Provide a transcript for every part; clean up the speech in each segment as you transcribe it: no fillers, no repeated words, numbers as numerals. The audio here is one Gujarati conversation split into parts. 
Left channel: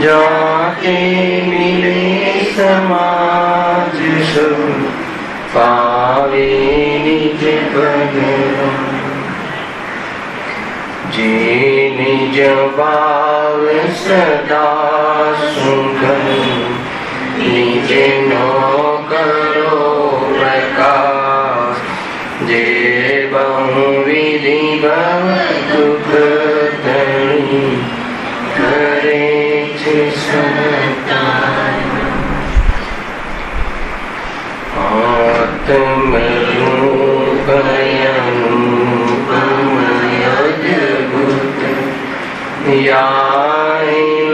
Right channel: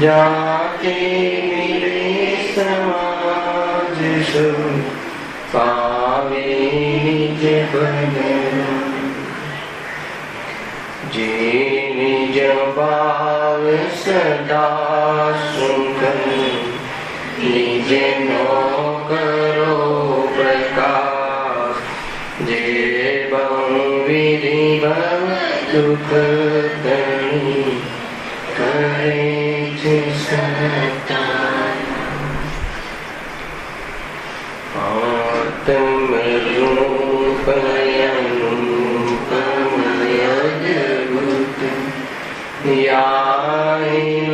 जाके मिले समाज सब पावे निज पद जे निज भाव सदा सुखन निज नो करो प्रकाश जे बहुविधि दुख तणी करे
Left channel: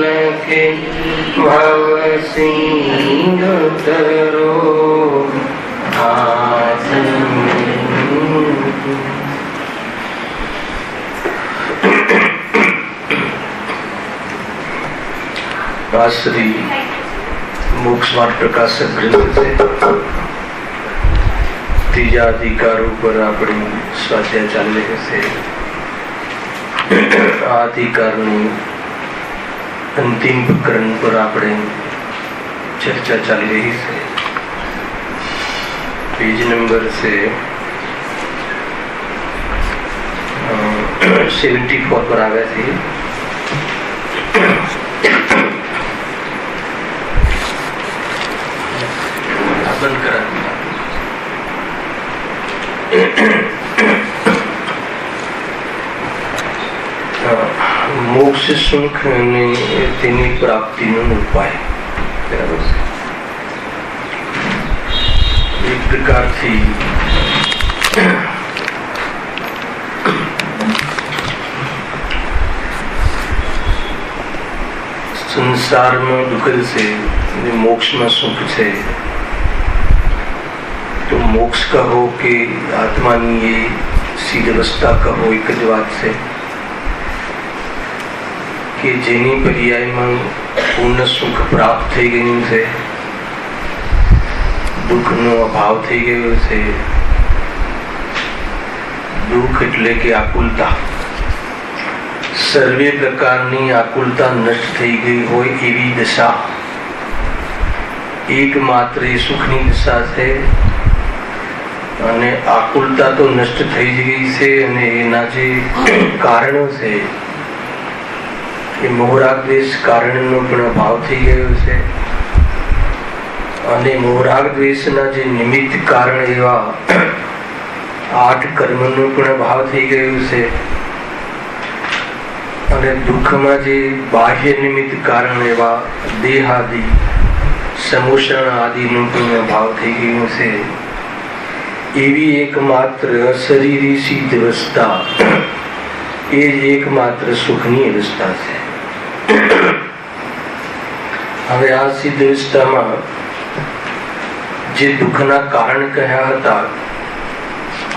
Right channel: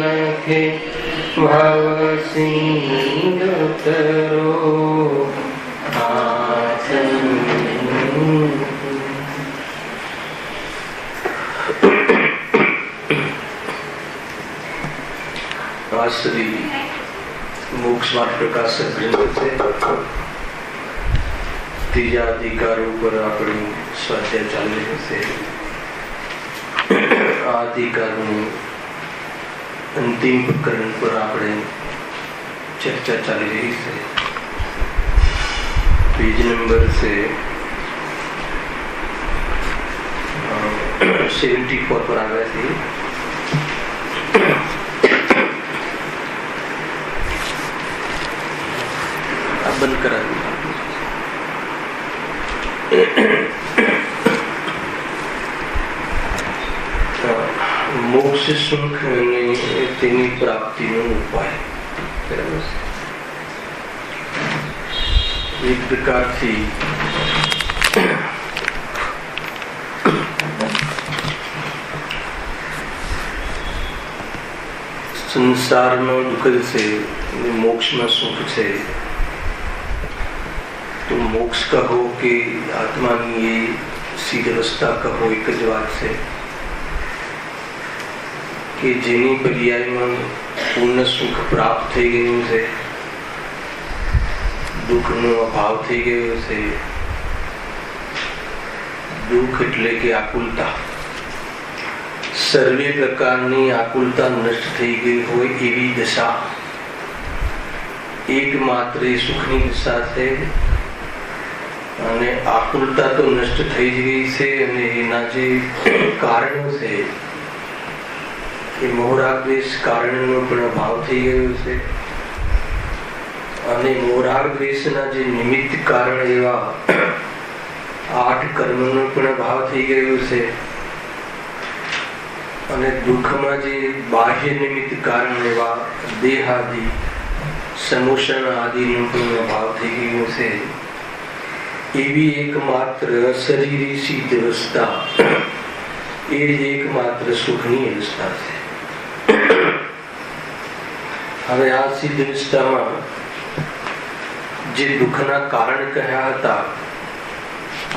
लखे भव सिंह तरो श्री मोक्ष मार्ग प्रकाशक ग्रंथ से तीजा अधिकार पर अपनी स्वाध्याय चाले से अधिकार अंतिम प्रकरण पर अपने चर्चा चल रही है। पेज नंबर से 74 पर आ गए थे। बंद करा मोक्ष सुख ने तेनी प्राप्ति नो उपाय एक प्रकार थी संसार में दुख से मोक्ष में सुख से तो मोक्ष कहो कि आत्मा ये सीध अवस्था कहो एक ज बात से कि जेनी पर्याय में पूर्ण सुख प्राप्त थई गयुं छे, दुख नो अभाव थई गयो छे। दुख एटले के आकुलता, सर्वे प्रकारनी आकुलता नष्ट थई गई होय एवी दशा एकमात्र सुखनी दशा छे। અને આકુલતા તો નષ્ટ થઈ ગઈ છે અને એના જે કારણો છે એ મોહરાગ દ્વેષ કારણનો પણ અભાવ થઈ ગયો છે અને મોહરાગ દ્વેષના જે નિમિત્ત કારણ એવા 8 કર્મનો પણ અભાવ થઈ ગયો છે અને દુઃખમાં જે બાહ્ય નિમિત્ત કારણ એવા દેહાદિ સમોષણ આદિનો પણ અભાવ થઈ ગયો છે। एवी एकमात्र शरीरी सिद्ध अवस्था ये एकमात्र सुखनी अवस्था है। हमें आ सिद्ध अवस्था में जे दुखना कारण कहा था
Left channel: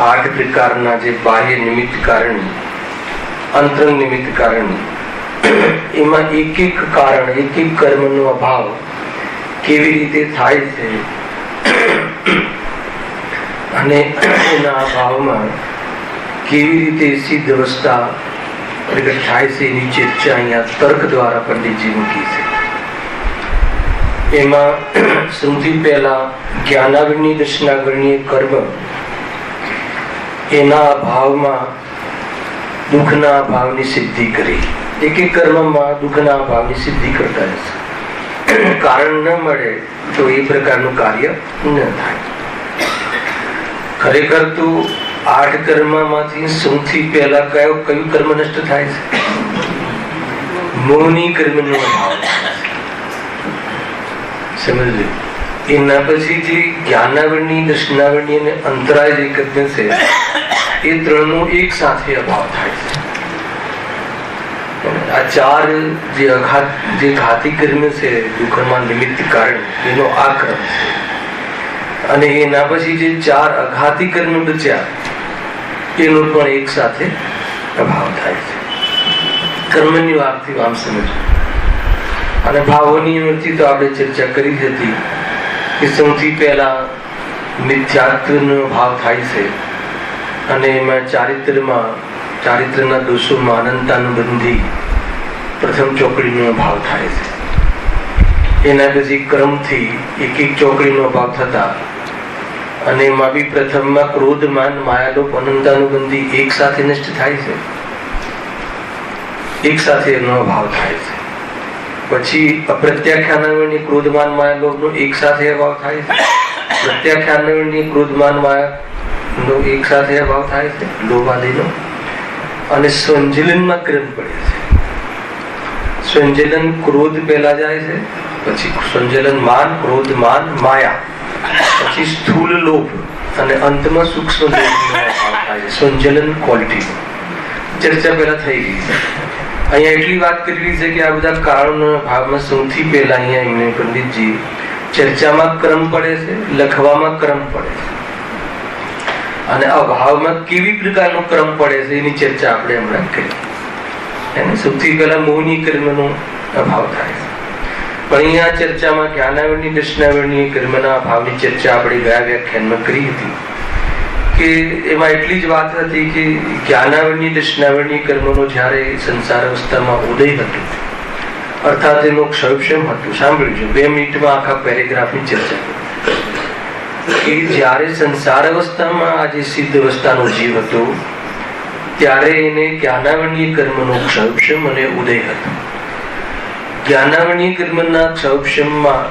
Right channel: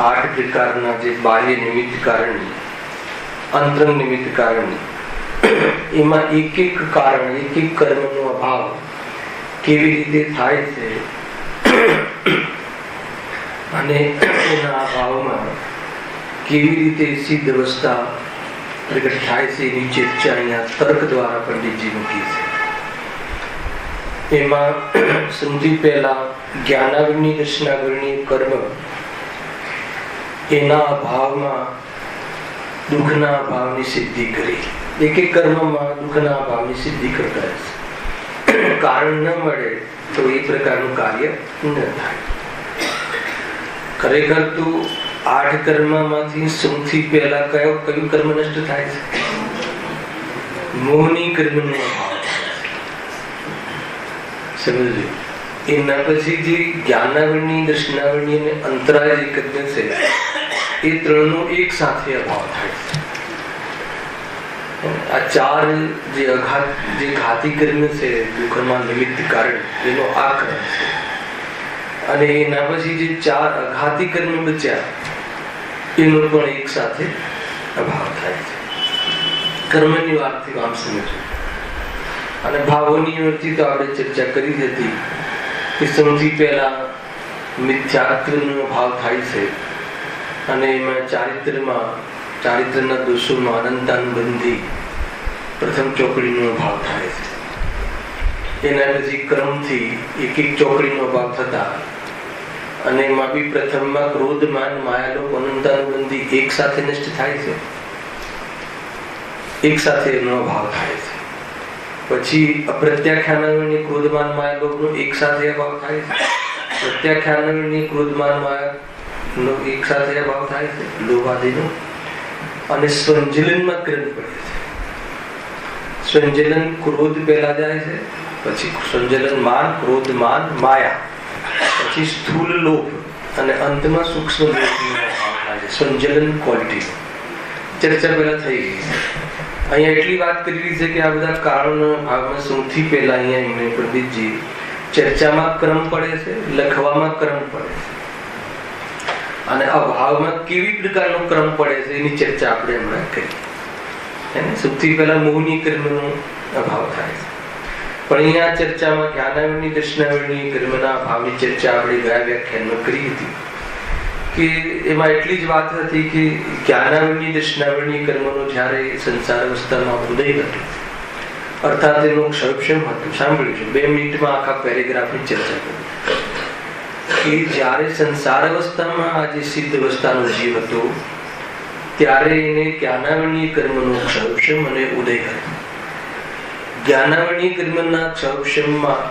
8 प्रकारना जे बाह्य निमित्त कारण अंतरंग निमित्त कारण एमा एक एक कारण एक एक कर्मनो अभाव केवी रीते थाय छे અને એના અભાવમાં કેવી રીતે સિદ્ધ અવસ્થા પ્રગટ થાય છે એની ચર્ચા અહીંયા તર્ક દ્વારા પંડિતજી મૂકી છે। એમાં સૌથી પહેલા જ્ઞાનાગ્નિ દર્શનાગ્નિ કર્મ એના અભાવમાં દુઃખના અભાવની સિદ્ધિ કરી। એક એક કર્મમાં દુઃખના અભાવની સિદ્ધિ કરતા હશે। કારણ ન મળે તો એ પ્રકારનું કાર્ય ન થાય। ખરેખર તો 8 કર્મમાંથી સૌથી પહેલા કયું કર્મ નષ્ટ થાય છે? મોહની કર્મનો અભાવ સમજજો। એના પછી જે જ્ઞાનાવરણી દર્શનાવરણી અને અંતરાય જે કર્મ છે એ ત્રણનો એક સાથે અભાવ થાય છે। આ 4 જે ઘાતી કર્મ છે દુઃખમાં નિમિત્ત કારણ એનો આ ક્રમ છે અને એના પછી જે 4 અઘાતી કર્મ બચ્યા એનો પણ એક સાથે અભાવ થાય છે। કર્મની વાતથી આમ સમજો। અને ભાવોની વૃત્તિ તો આપણે ચર્ચા કરી હતી કે સૌથી પહેલા મિથ્યાત્વનો ભાવ થાય છે અને એમાં ચારિત્રના દોષોમાં અનંતાનુબંધી પ્રથમ ચોકડીનો ભાવ થાય છે. એના પછી ક્રમથી એક એક ચોકડીનો ભાવ થતા અને એમાં બી પ્રથમમાં ક્રોધ માન માયાલોપ અનંતાનુબંધી એક સાથે નષ્ટ થાય છે, એક સાથે એનો ભાવ થાય છે. પછી અપ્રત્યાખ્યાનની ક્રોધમાન માયાલોપનો એક સાથે અભાવ થાય છે, પ્રત્યાખ્યાનની ક્રોધમાન માયાનો એક સાથે અભાવ થાય છે, લોભાદિનો. અને સંજલનમાં ક્રમ પડે છે. સંજલન ક્રોધ પહેલા જાય છે, પછી સંજલન માન, ક્રોધ માન, માયા, પછી સ્થૂલ લોભ અને અંતમાં સૂક્ષ્મ લોભનો અભાવ થાય છે. સંજલન ક્વોલિટી ચર્ચા પહેલા થઈ ગઈ છે. અહીંયા એટલી વાત કરી છે કે આ બધા કારણોના ભાગમાં સૌથી પહેલા અહીંયા એમને પંડિતજી ચર્ચામાં ક્રમ પડે છે, લખવામાં ક્રમ પડે છે અને અભાવમાં કેવી પ્રકારનો ક્રમ પડે છે એની ચર્ચા આપણે હમણાં કરી. એને સૌથી પહેલા મોહની કર્મનો અભાવ થાય છે. પણ અહીંયા ચર્ચામાં જ્ઞાનાવરણી દર્શનાવરણી કર્મના અભાવની ચર્ચા આપણે ગયા વ્યાખ્યાનમાં કરી હતી કે એમાં એટલી જ વાત હતી કે જ્ઞાનાવરણી દર્શનાવરણી કર્મનો જ્યારે સંસાર અવસ્થામાં ઉદય હતો, અર્થાત એનો ક્ષયક્ષમ હતું. સાંભળજો, 2 મિનિટમાં આખા પેરેગ્રાફની ચર્ચા કે જ્યારે સંસાર અવસ્થામાં આજે સિદ્ધ અવસ્થાનો જીવ હતો ત્યારે એને જ્ઞાનાવરણીય કર્મનો ક્ષયક્ષમ અને ઉદય હતો. જ્ઞાનાવરણીય કર્મના ક્ષયક્ષમમાં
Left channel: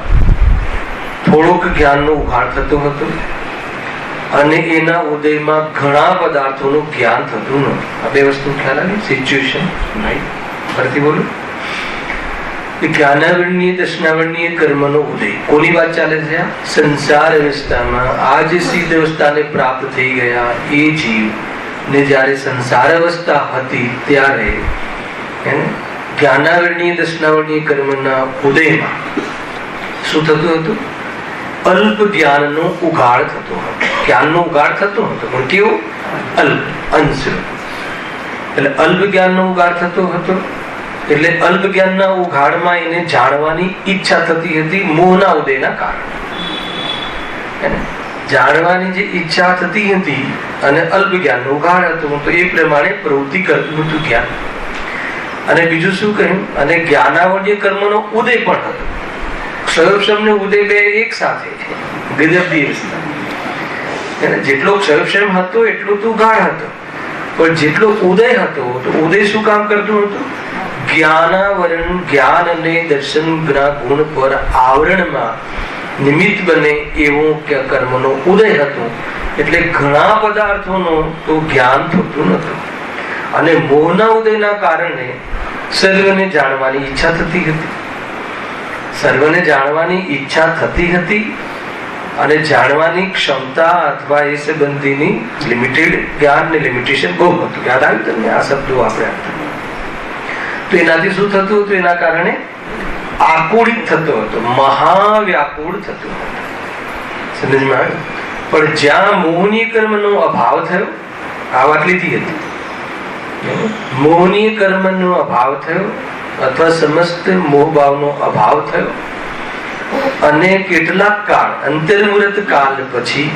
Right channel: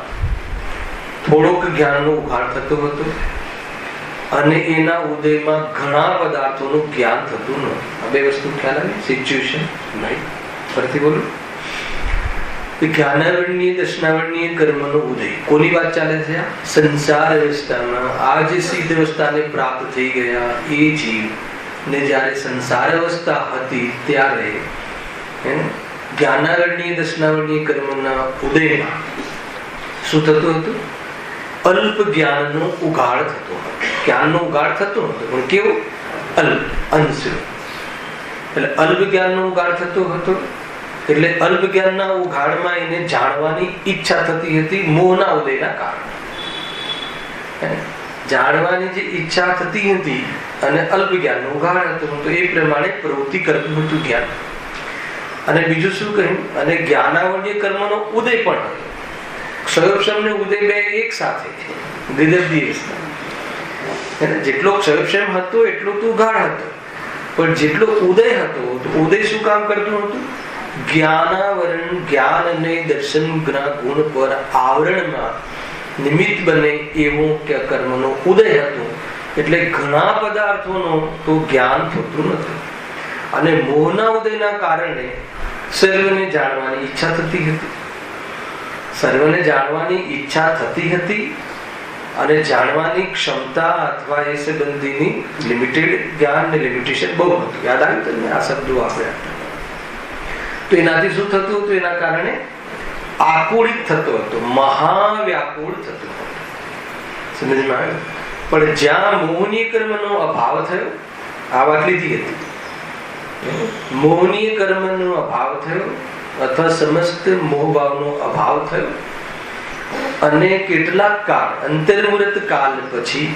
થોડોક જ્ઞાનનો ઉઘાડ થતો હતો અને એના ઉદયમાં ઘણા પદાર્થોનું જ્ઞાન થતું નહોતું. આ બે વસ્તુ ખ્યાલ આવી? Situation right? ફરીથી બોલો. જ્ઞાનાવરણીય દર્શનાવરણીય કર્મનો ઉદય કોની વાત ચાલે છે? સંસાર અવસ્થામાં આ જે સિદ્ધ અવસ્થાને પ્રાપ્ત થઈ ગયા એ જીવ ને જ્યારે સંસાર અવસ્થા હતી ત્યારે જ્ઞાનાવરણીય દર્શનાવરણીય કર્મના ઉદયમાં શું થતું હતું? અલ્પ જ્ઞાનનો ઉઘાડ થતો હતો. જ્ઞાનનો ઉઘાડ થતો હતો પણ કેવો? અલ્પ, અંશ. એટલે અલ્પ જ્ઞાનનો ઉઘાડ થતો હતો. એટલે અલ્પ જ્ઞાનના ઉઘાડમાં એને જાણવાની ઈચ્છા થતી હતી મોહના ઉદયના કારણે. જાણવાની જે ઈચ્છા થતી હતી અને અલ્પ જ્ઞાનનો ઉઘાડ હતો તો એ પ્રમાણે પ્રવૃત્તિ કરતું હતું જ્ઞાન. અને બીજું શું કહ્યું? અને જ્ઞાનાવરણીય કર્મનો ઉદય પણ હતો. ક્ષયક્ષમ ને ઉદય બે એક સાથે જેટલો ક્ષયક્ષમ હતો એટલો તો ઉઘાડ હતો, પણ જેટલો ઉદય હતો તો ઉદય શું કામ કરતું હતું? જ્ઞાનાવરણ, જ્ઞાન અને દર્શન ગુણ પર આવરણમાં નિમિત્ત બને એવું કર્મનો ઉદય હતો. એટલે ઘણા પદાર્થોનો તો જ્ઞાન થતું નતું અને મોહના ઉદયના કારણે સર્વને જાણવાની ઈચ્છા થતી હતી. સર્વને જાણવાની ઈચ્છા થતી હતી અને જાણવાની ક્ષમતા અથવા એ સંબંધીની લિમિટેડ જ્ઞાન ને લિમિટેશન બહુ હતું. યાદ આવ્યું તમને આ શબ્દો આપણે? તો એનાથી શું થતું હતું? એના કારણે આકુળિત થતો હતો, મહાવ્યાકુળ થતો હતો. સમજમાં આવ્યું? પણ જ્યાં મોહની કર્મનો અભાવ થયો, આ વાત લીધી હતી, મોહની કર્મનો અભાવ થયો અથવા સમસ્ત મોહભાવનો અભાવ થયો અને કેટલાક કાળ અંતર્મુહૂર્ત કાળ પછી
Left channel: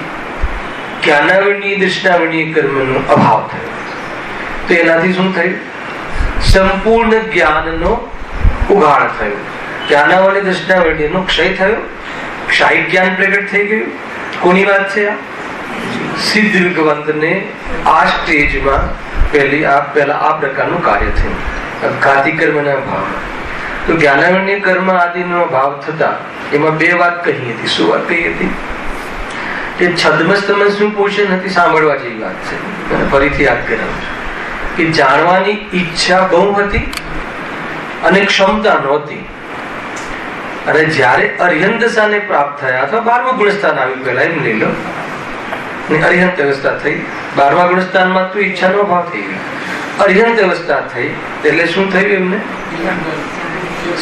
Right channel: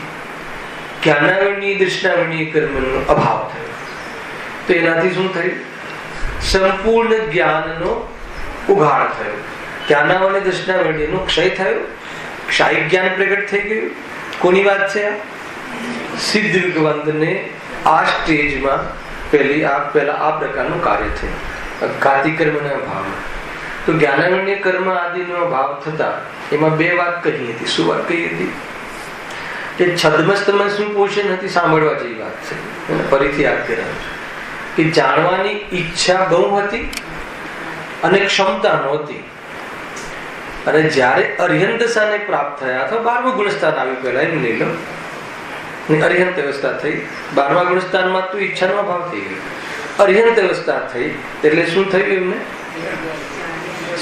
જ્ઞાનાવરણીય દર્શનાવરણીય કર્મનો અભાવ થયો. તો એનાથી શું થયું? સંપૂર્ણ જ્ઞાનનો ઉઘાડ થયો. જ્ઞાનાવરણીય દર્શનાવરણીયનો ક્ષય થયો. ક્ષાયિક જ્ઞાન પ્રગટ થઈ ગયું. કોની વાત છે? સિદ્ધ વિગવંતને આ સ્ટેજમાં પહેલા આ પ્રકારનું કાર્ય થયું, ઘાતી કર્મના ભાવમાં. તો જ્ઞાનાવરણીય કર્મ આદિનો ભાવ થતા એમાં બે વાત કહી હતી. શું વાત કહી હતી? કે છદ્મસ્તમસનું પોષણ હતી. સાંભળવા જેવી વાત છે, ફરીથી યાદ કરાવું કે જાણવાની ઈચ્છા બહુ હતી અને ક્ષમતા નહોતી. અને જ્યારે અર્હંત દશાને પ્રાપ્ત થયા અથવા 12મા ગુણસ્થાન આવ્યું, પહેલા એમ લઈ લો, અર્હંત અવસ્થા થઈ. 12મા ગુણસ્થાનમાં તો ઈચ્છાનો ભાવ થઈ ગયો. અર્હંત અવસ્થા થઈ એટલે શું થયું? એમને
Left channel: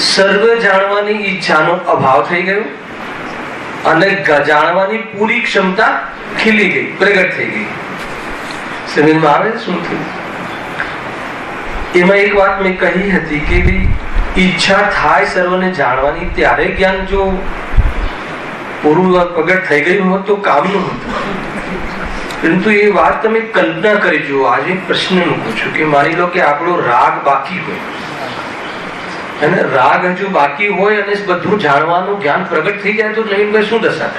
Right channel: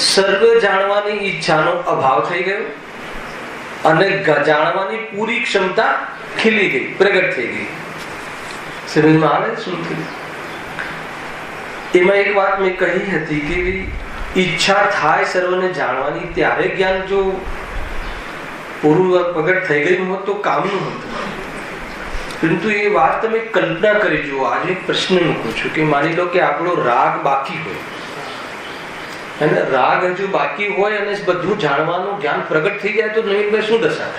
સર્વ જાણવાની ઈચ્છાનો અભાવ થઈ ગયો અને જાણવાની પૂરી ક્ષમતા ખીલી ગઈ, પ્રગટ થઈ ગઈ. સમજમાં આવે શું થયું? એમાં એક વાત મેં કહી હતી કે ઈચ્છા થાય સર્વને જાણવાની, ત્યારે જ્ઞાન જો પૂરું પ્રગટ થઈ ગયું હોત તો કામનું હતું. પરંતુ એ વાત તમે કલ્પના કરી જુઓ. આજે પ્રશ્ન મૂકું છું કે માની લો કે આપણો રાગ બાકી હોય અને રાગ હજુ બાકી હોય અને બધું જાણવાનું જ્ઞાન પ્રગટ થઈ જાય તો નવીનભાઈ શું દશા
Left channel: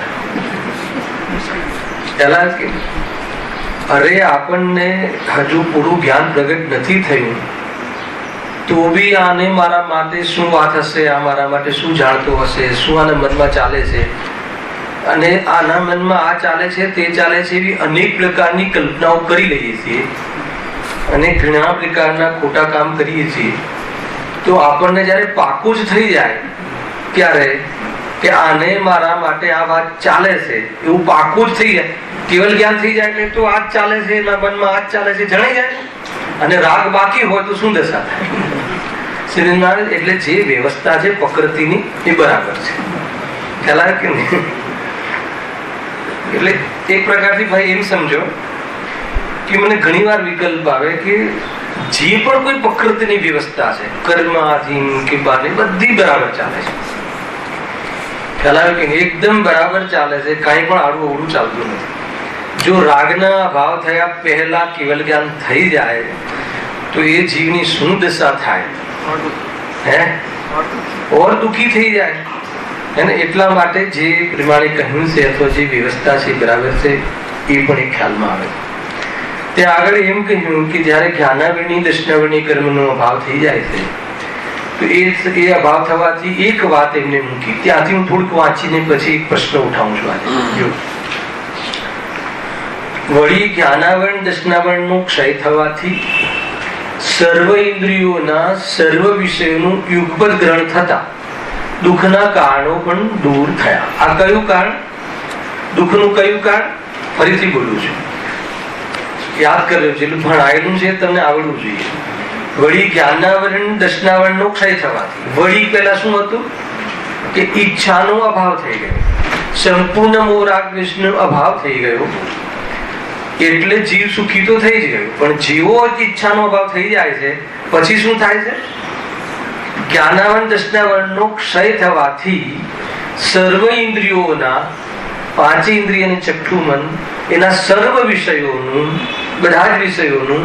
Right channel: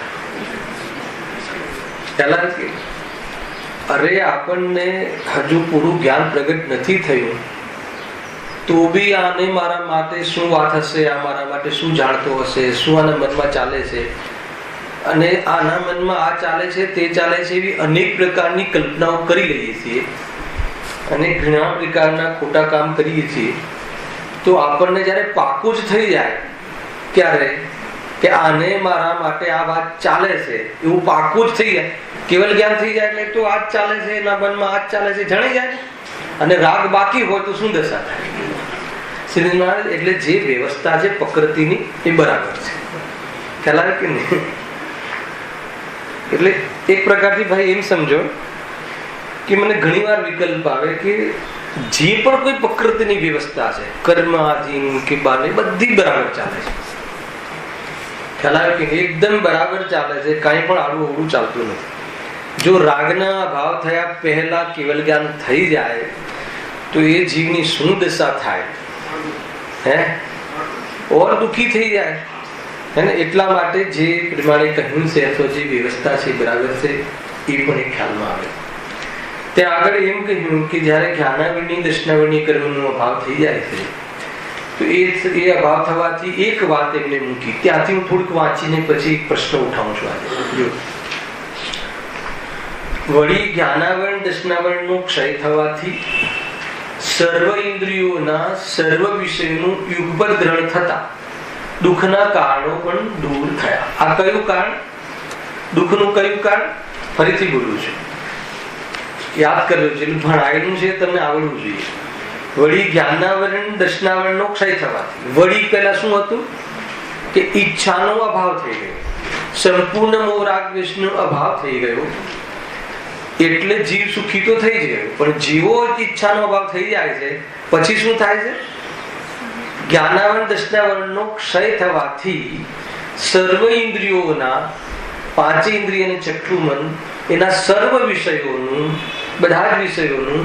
થાય? અરે આપણને હજુ પૂરું જ્ઞાન પ્રગટ નથી થયું તો બી આને મારા માટે શું વાત હશે, આ મારા માટે શું જાણતો હશે, શું આના મનમાં ચાલે છે, અને આના મનમાં આ ચાલે છે તે ચાલે છે, એવી અનેક પ્રકારની કલ્પનાઓ કરી લઈએ છીએ અને ઘણા પ્રકારના ખોટા કામ કરીએ છીએ. તો આપણને જયારે પાકું જ થઈ જાય ત્યારે કે આને મારા માટે આ વાત ચાલે છે એવું પાકું જ થઈ જાય, કેવલ જ્ઞાન થઈ જાય એટલે તો આ જ ચાલે છે, એના મનમાં આ જ ચાલે છે જણાઈ જાય. અને રાગ બાકી હોય તો શું દશા થાય? એટલે જે વ્યવસ્થા છે પ્રકૃતિની એ બરાબર છે, ખ્યાલ આવે કે નહીં? એટલે એક પ્રકારથી ભાઈ એમ સમજો કે મને ઘણી વાર વિકલ્પ આવે કે જે પણ કોઈ પ્રકૃતિની વ્યવસ્થા છે, કર્મ આધીન કે બાની, બધી બરાબર ચાલે છે, ખ્યાલ આવે કે એકદમ બરાબર ચાલે છે, કાંઈ પણ આડું અવળું ચાલતું નથી. જો રાગના અભાવ થયા પહેલા કેવલ જ્ઞાન થઈ જાય તો એ જીવની શું દશા થાય? ઓર દુઃખી થઈ જાય. એટલા માટે જે પ્રમાણે કહ્યું છે અથવા જે વ્યવસ્થા છે બરાબર છે, એ પણ એક ખ્યાલમાં આવે. ત્યાં આગળ એમ કહ્યું કે જયારે જ્ઞાનાવરણી દર્શનાવરણી કર્મનો અભાવ થઈ જાય છે તો એ અભાવ થવાથી એક વાત એમને મૂકી. ત્યાંથી હું થોડુંક વાંચીને પછી એક પ્રશ્ન ઉઠાવું છું આજે. જો વળી જ્ઞાનાવરણ દર્શનાવરણનો ક્ષય થવાથી સર્વ ઇન્દ્રિયોના સર્વ વિષયોનું યુગપદ ગ્રહણ થતા દુઃખના કારણો પણ દૂર થયા. આ કયું કારણ? દુઃખનું કયું કારણ? ફરીથી બોલું છું, યાદ કર્યો છે, એટલું ભણાયેલું છે, તમને આવડવું જોઈએ. વળી જ્ઞાનાવરણ દર્શનાવરણનો ક્ષય થવાથી, વળી પહેલા શું હતું કે ઈચ્છાનો અભાવ થઈ ગયો, સંપૂર્ણ મોહ રાગ દ્વેષનો અભાવ થઈ ગયો, એટલે જીવ સુખી તો થઈ જ ગયો. પણ જીવો ઈચ્છાનો અભાવ થઈ જાય છે પછી શું થાય છે? જ્ઞાનાવરણ દર્શનાવરણનો ક્ષય થવાથી સર્વ ઇન્દ્રિયોના, પાંચ ઇન્દ્રિય અને ચક્ષુ મન, એના સર્વ વિષયોનું, બધા જ વિષયોનું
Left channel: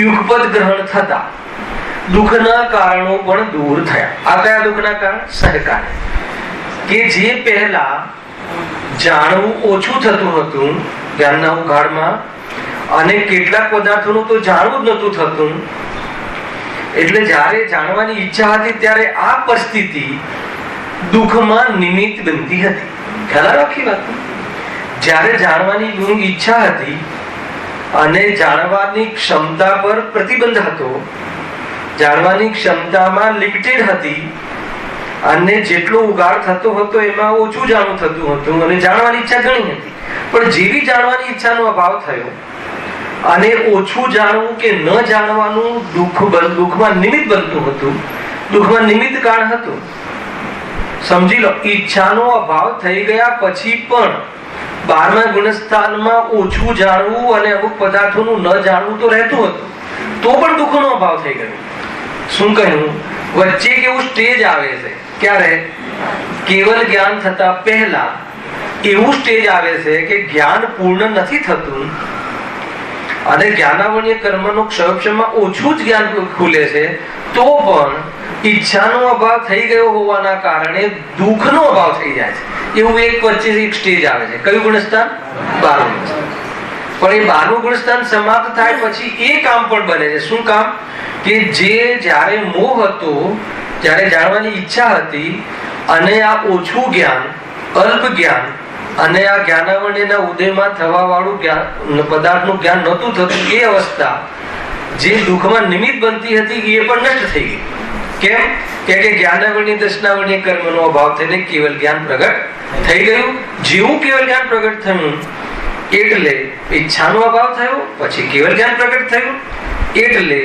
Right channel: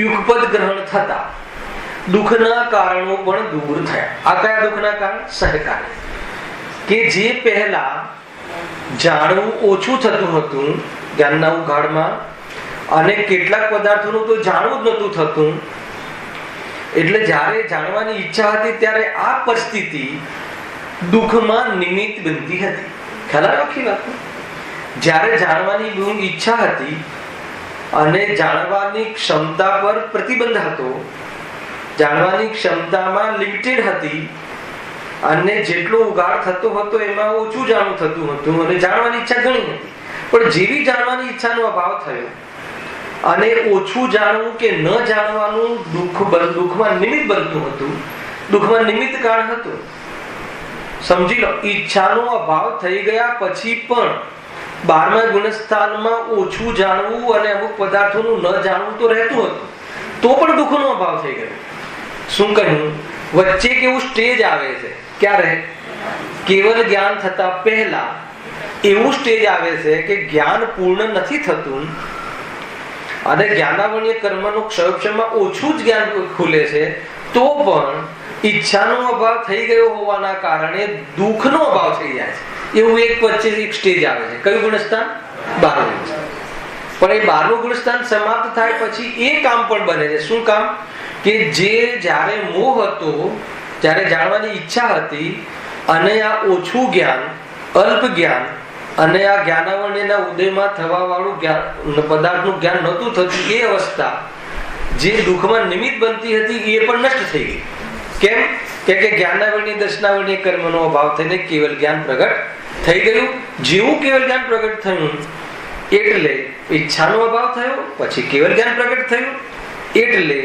યુગપદ ગ્રહણ થતા દુઃખના કારણો પણ દૂર થયા. આ કયા દુઃખના કારણ? સહકારે. કે જે પહેલા જાણવું ઓછું થતું હતું જ્ઞાનના ઉઘાડમાં, અને કેટલાક પદાર્થોનું તો જાણવું જ નતું થતું, એટલે જ્યારે જાણવાની ઈચ્છા હતી ત્યારે આ પરિસ્થિતિ દુઃખમાં નિમિત્ત બનતી હતી. ખ્યાલ રાખી વાત. જ્યારે જાણવાની ઈચ્છા હતી અને જાણવાની ક્ષમતા પર પ્રતિબંધ હતો, જાણવાની ક્ષમતામાં લિમિટેડ હતી અને જેટલો ઉગાડ થતો હતો એમાં ઓછું જાણવું થતું હતું અને જાણવાની ઈચ્છા ઘણી હતી. પણ જેવી જાણવાની ઈચ્છાનો અભાવ થયો અને ઓછું જાણવું કે ન જાણવાનું દુઃખમાં નિમિત્ત બનતું હતું, દુઃખમાં નિમિત્ત કારણ હતું. સમજી લો, ઈચ્છાનો અભાવ થઈ ગયા પછી પણ 12મા ગુણસ્થાનમાં ઓછું જાણવું અને અમુક પદાર્થોનું ન જાણવું તો રહેતું હતું, તો પણ દુઃખનો અભાવ થઈ ગયો. શું કહ્યું? વચ્ચે કેવું સ્ટેજ આવે છે, ક્યારે? કેવલ જ્ઞાન થતા પહેલા એવું સ્ટેજ આવે છે કે જ્ઞાન પૂર્ણ નથી થતું અને જ્ઞાનાવરણીય કર્મનો ક્ષયક્ષમાં ઓછું જ જ્ઞાન ખુલે છે, તો પણ ઈચ્છાનો અભાવ થઈ ગયો હોવાના કારણે દુઃખનો અભાવ થઈ જાય છે. એવું એક વચ્ચે એક સ્ટેજ આવે છે. કયું ગુણસ્થાન? 12મું ગુણસ્થાન. પણ એ 12મું ગુણસ્થાન સમાપ્ત થાય પછી એ કામ પણ બને છે. શું કામ? કે જે જ્યારે મોહ હતો, જ્યારે જાણવાની ઈચ્છા હતી અને આ ઓછું જ્ઞાન, અલ્પ જ્ઞાન અને આ જ્ઞાનાવરણીના ઉદયમાં થવા વાળું પદાર્થનું જ્ઞાન નહોતું થતું, એ અવસ્થા જે દુઃખમાં નિમિત્ત બનતી હતી એ પણ નષ્ટ થઈ ગઈ. કેમ? કે જ્ઞાનાવરણી દર્શનાવરણી કર્મનો અભાવ થઈને કેવલ જ્ઞાન પ્રગટ થઈ ગયું. જેવું કેવલ જ્ઞાન પ્રગટ થયું એટલે ઈચ્છાનો અભાવ થયો, પછી કેવલ જ્ઞાન પ્રગટ થયું, એટલે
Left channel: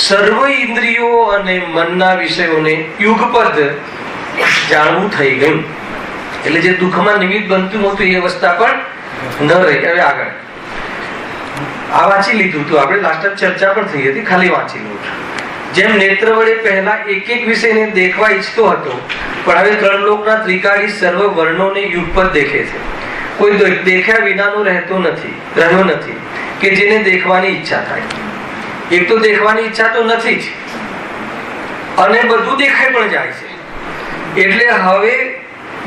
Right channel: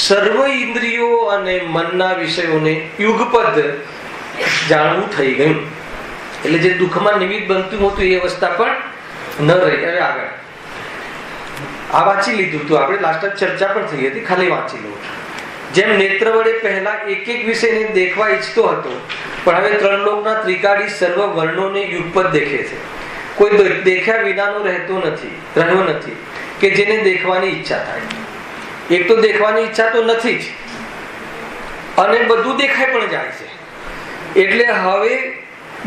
સર્વ ઇન્દ્રિયો અને મનના વિષયોને યુગપદ જાણવું થઈ ગયું. એટલે જે દુઃખમાં નિમિત્ત બનતું હતું એ અવસ્થા પણ ન રહી. હવે આગળ આ વાંચી લીધું હતું આપણે, લાસ્ટ ચર્ચા પણ થઈ હતી, ખાલી વાંચી લઉં છું. જેમ નેત્ર વડે પહેલા એક એક વિષયને દેખવા ઈચ્છતો હતો, પણ હવે ત્રણ લોકના ત્રિકાળી સર્વ વર્ણોને યુગપત દેખે છે. કોઈ દેખ્યા વિનાનો રહ્યો નથી કે જેને દેખવાની ઈચ્છા થાય. એક તો દેખવાની ઈચ્છા તો નથી જ, અને બધું દેખાય પણ જાય છે. એટલે હવે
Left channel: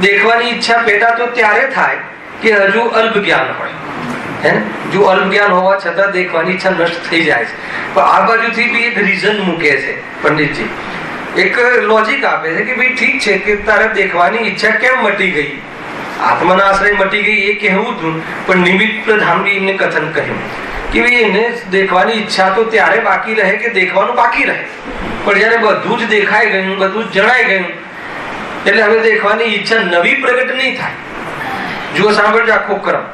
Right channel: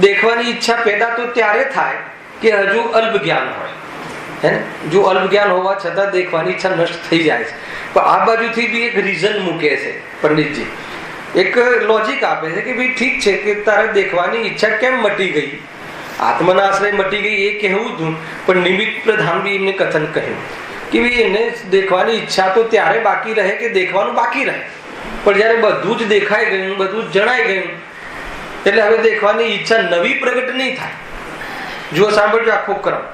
દેખવાની ઈચ્છા પેદા તો ત્યારે થાય કે હજુ અલ્પ જ્ઞાન હોય. જો અલ્પ જ્ઞાન હોવા છતાં દેખવાની ઈચ્છા નષ્ટ થઈ જાય છે. પણ આ બાજુથી બી એક રીઝન મૂકે છે પંડિતજી, એક લોજિક આપે છે કે ભાઈ ઠીક છે કે તારે દેખવાની ઈચ્છા કેમ મટી ગઈ, આત્માના આશ્રય મટી ગઈ એ કહેવું હતું, પણ નિમિત્ત પ્રધાન બી એમને કથન કહ્યું કે ભાઈ એને દેખવાની ઈચ્છા તો ત્યારે બાકી રહે કે દેખવાનું બાકી રહે, પણ જયારે બધું જ દેખાઈ ગયું, બધું જ જણાઈ ગયું, એટલે હવે દેખવાની ઈચ્છા નવી પ્રગટ નહીં થાય. જો સાંભળજો આખો ક્રમ.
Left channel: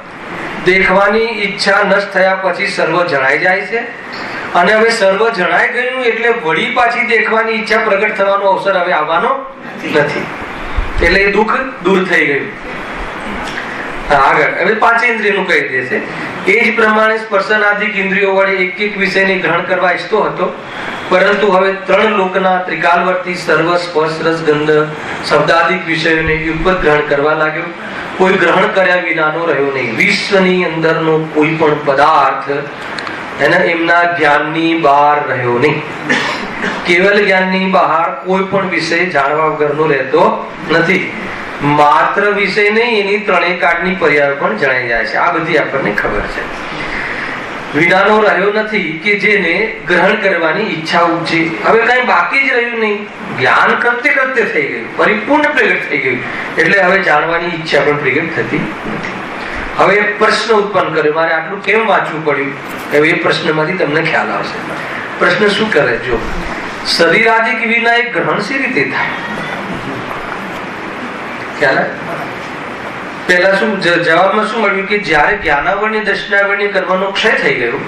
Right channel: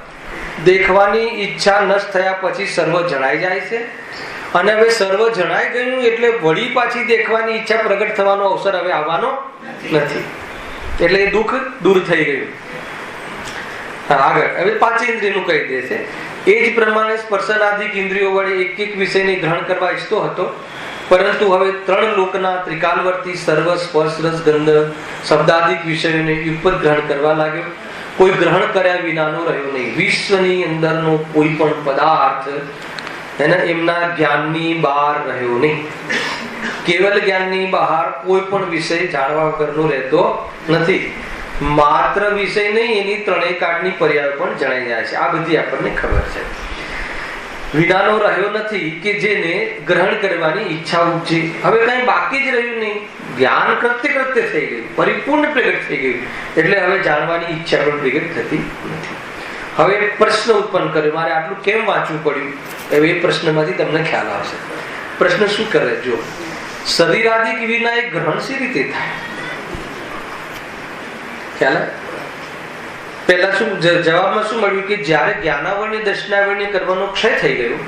દેખવાની ઈચ્છા નષ્ટ થયા પછી સર્વ જણાઈ જાય છે, અને હવે સર્વ જણાઈ ગયું એટલે વળી પાછી દેખવાની ઈચ્છા પ્રગટ થવાનો અવસર હવે આવવાનો નથી. એટલે દુઃખ દૂર થઈ ગયું. આગળ હવે પાંચેન્દ્રિયનું કહી દે છે. એ જ પ્રમાણે સ્પર્શનાદિક ઇન્દ્રિયો વડે એક એક વિષયને ગ્રહણ કરવા ઈચ્છતો હતો, પરંતુ હવે ત્રણ લોકના ત્રિકાલવર્તી સર્વ સ્પર્શ રસ ગંધ શબ્દાદિક વિષયોને યુગપત ગ્રહણ કરવા લાગ્યો. કોઈ ગ્રહણ કર્યા વિનાનો રહ્યો નહીં. વિશ્વની અંદરનો કોઈ પણ પદાર્થ એમના જ્ઞાનની બહાર રહ્યો નહીં. કેવલ જ્ઞાનની બહાર કોઈ પણ વિષય જાણવા વગરનો રહેતો નથી. માત્ર વિષય નહીં, એની ત્રણેય કાળની પર્યાય પણ જણાઈ જાય છે. આ બધી આપણને ખબર છે. વિનાનો રહ્યો નથી કે જેને ગ્રહણ કરવાની ઈચ્છા ઉપજી. હવે કઈ બાકી જ રહ્યું નહીં. જ્ઞાન કૃત્ય થઈ ગયું, પરિપૂર્ણ પ્રગટ થઈ ગયું, એટલે હવે જાણવાની ઈચ્છા પણ પ્રગટ થતી નથી. હવે પ્રશ્ન ઉત્પન્ન કર્યો, મારે આટલું કેમ વાંચવું પડ્યું? હવે એ પ્રશ્નમાંથી તમને ખ્યાલ આવશે. પ્રશ્ન શું કરે? જો શરીરાદિક વિના એક ગ્રહણ સી રીતે થાય? ખ્યાલ? પહેલા શું જવાબમાં શું મળ્યું કે જ્યારે જ્ઞાનાવરણી દર્શનાવરણી કરવાનો ક્ષય થઈ ગયો,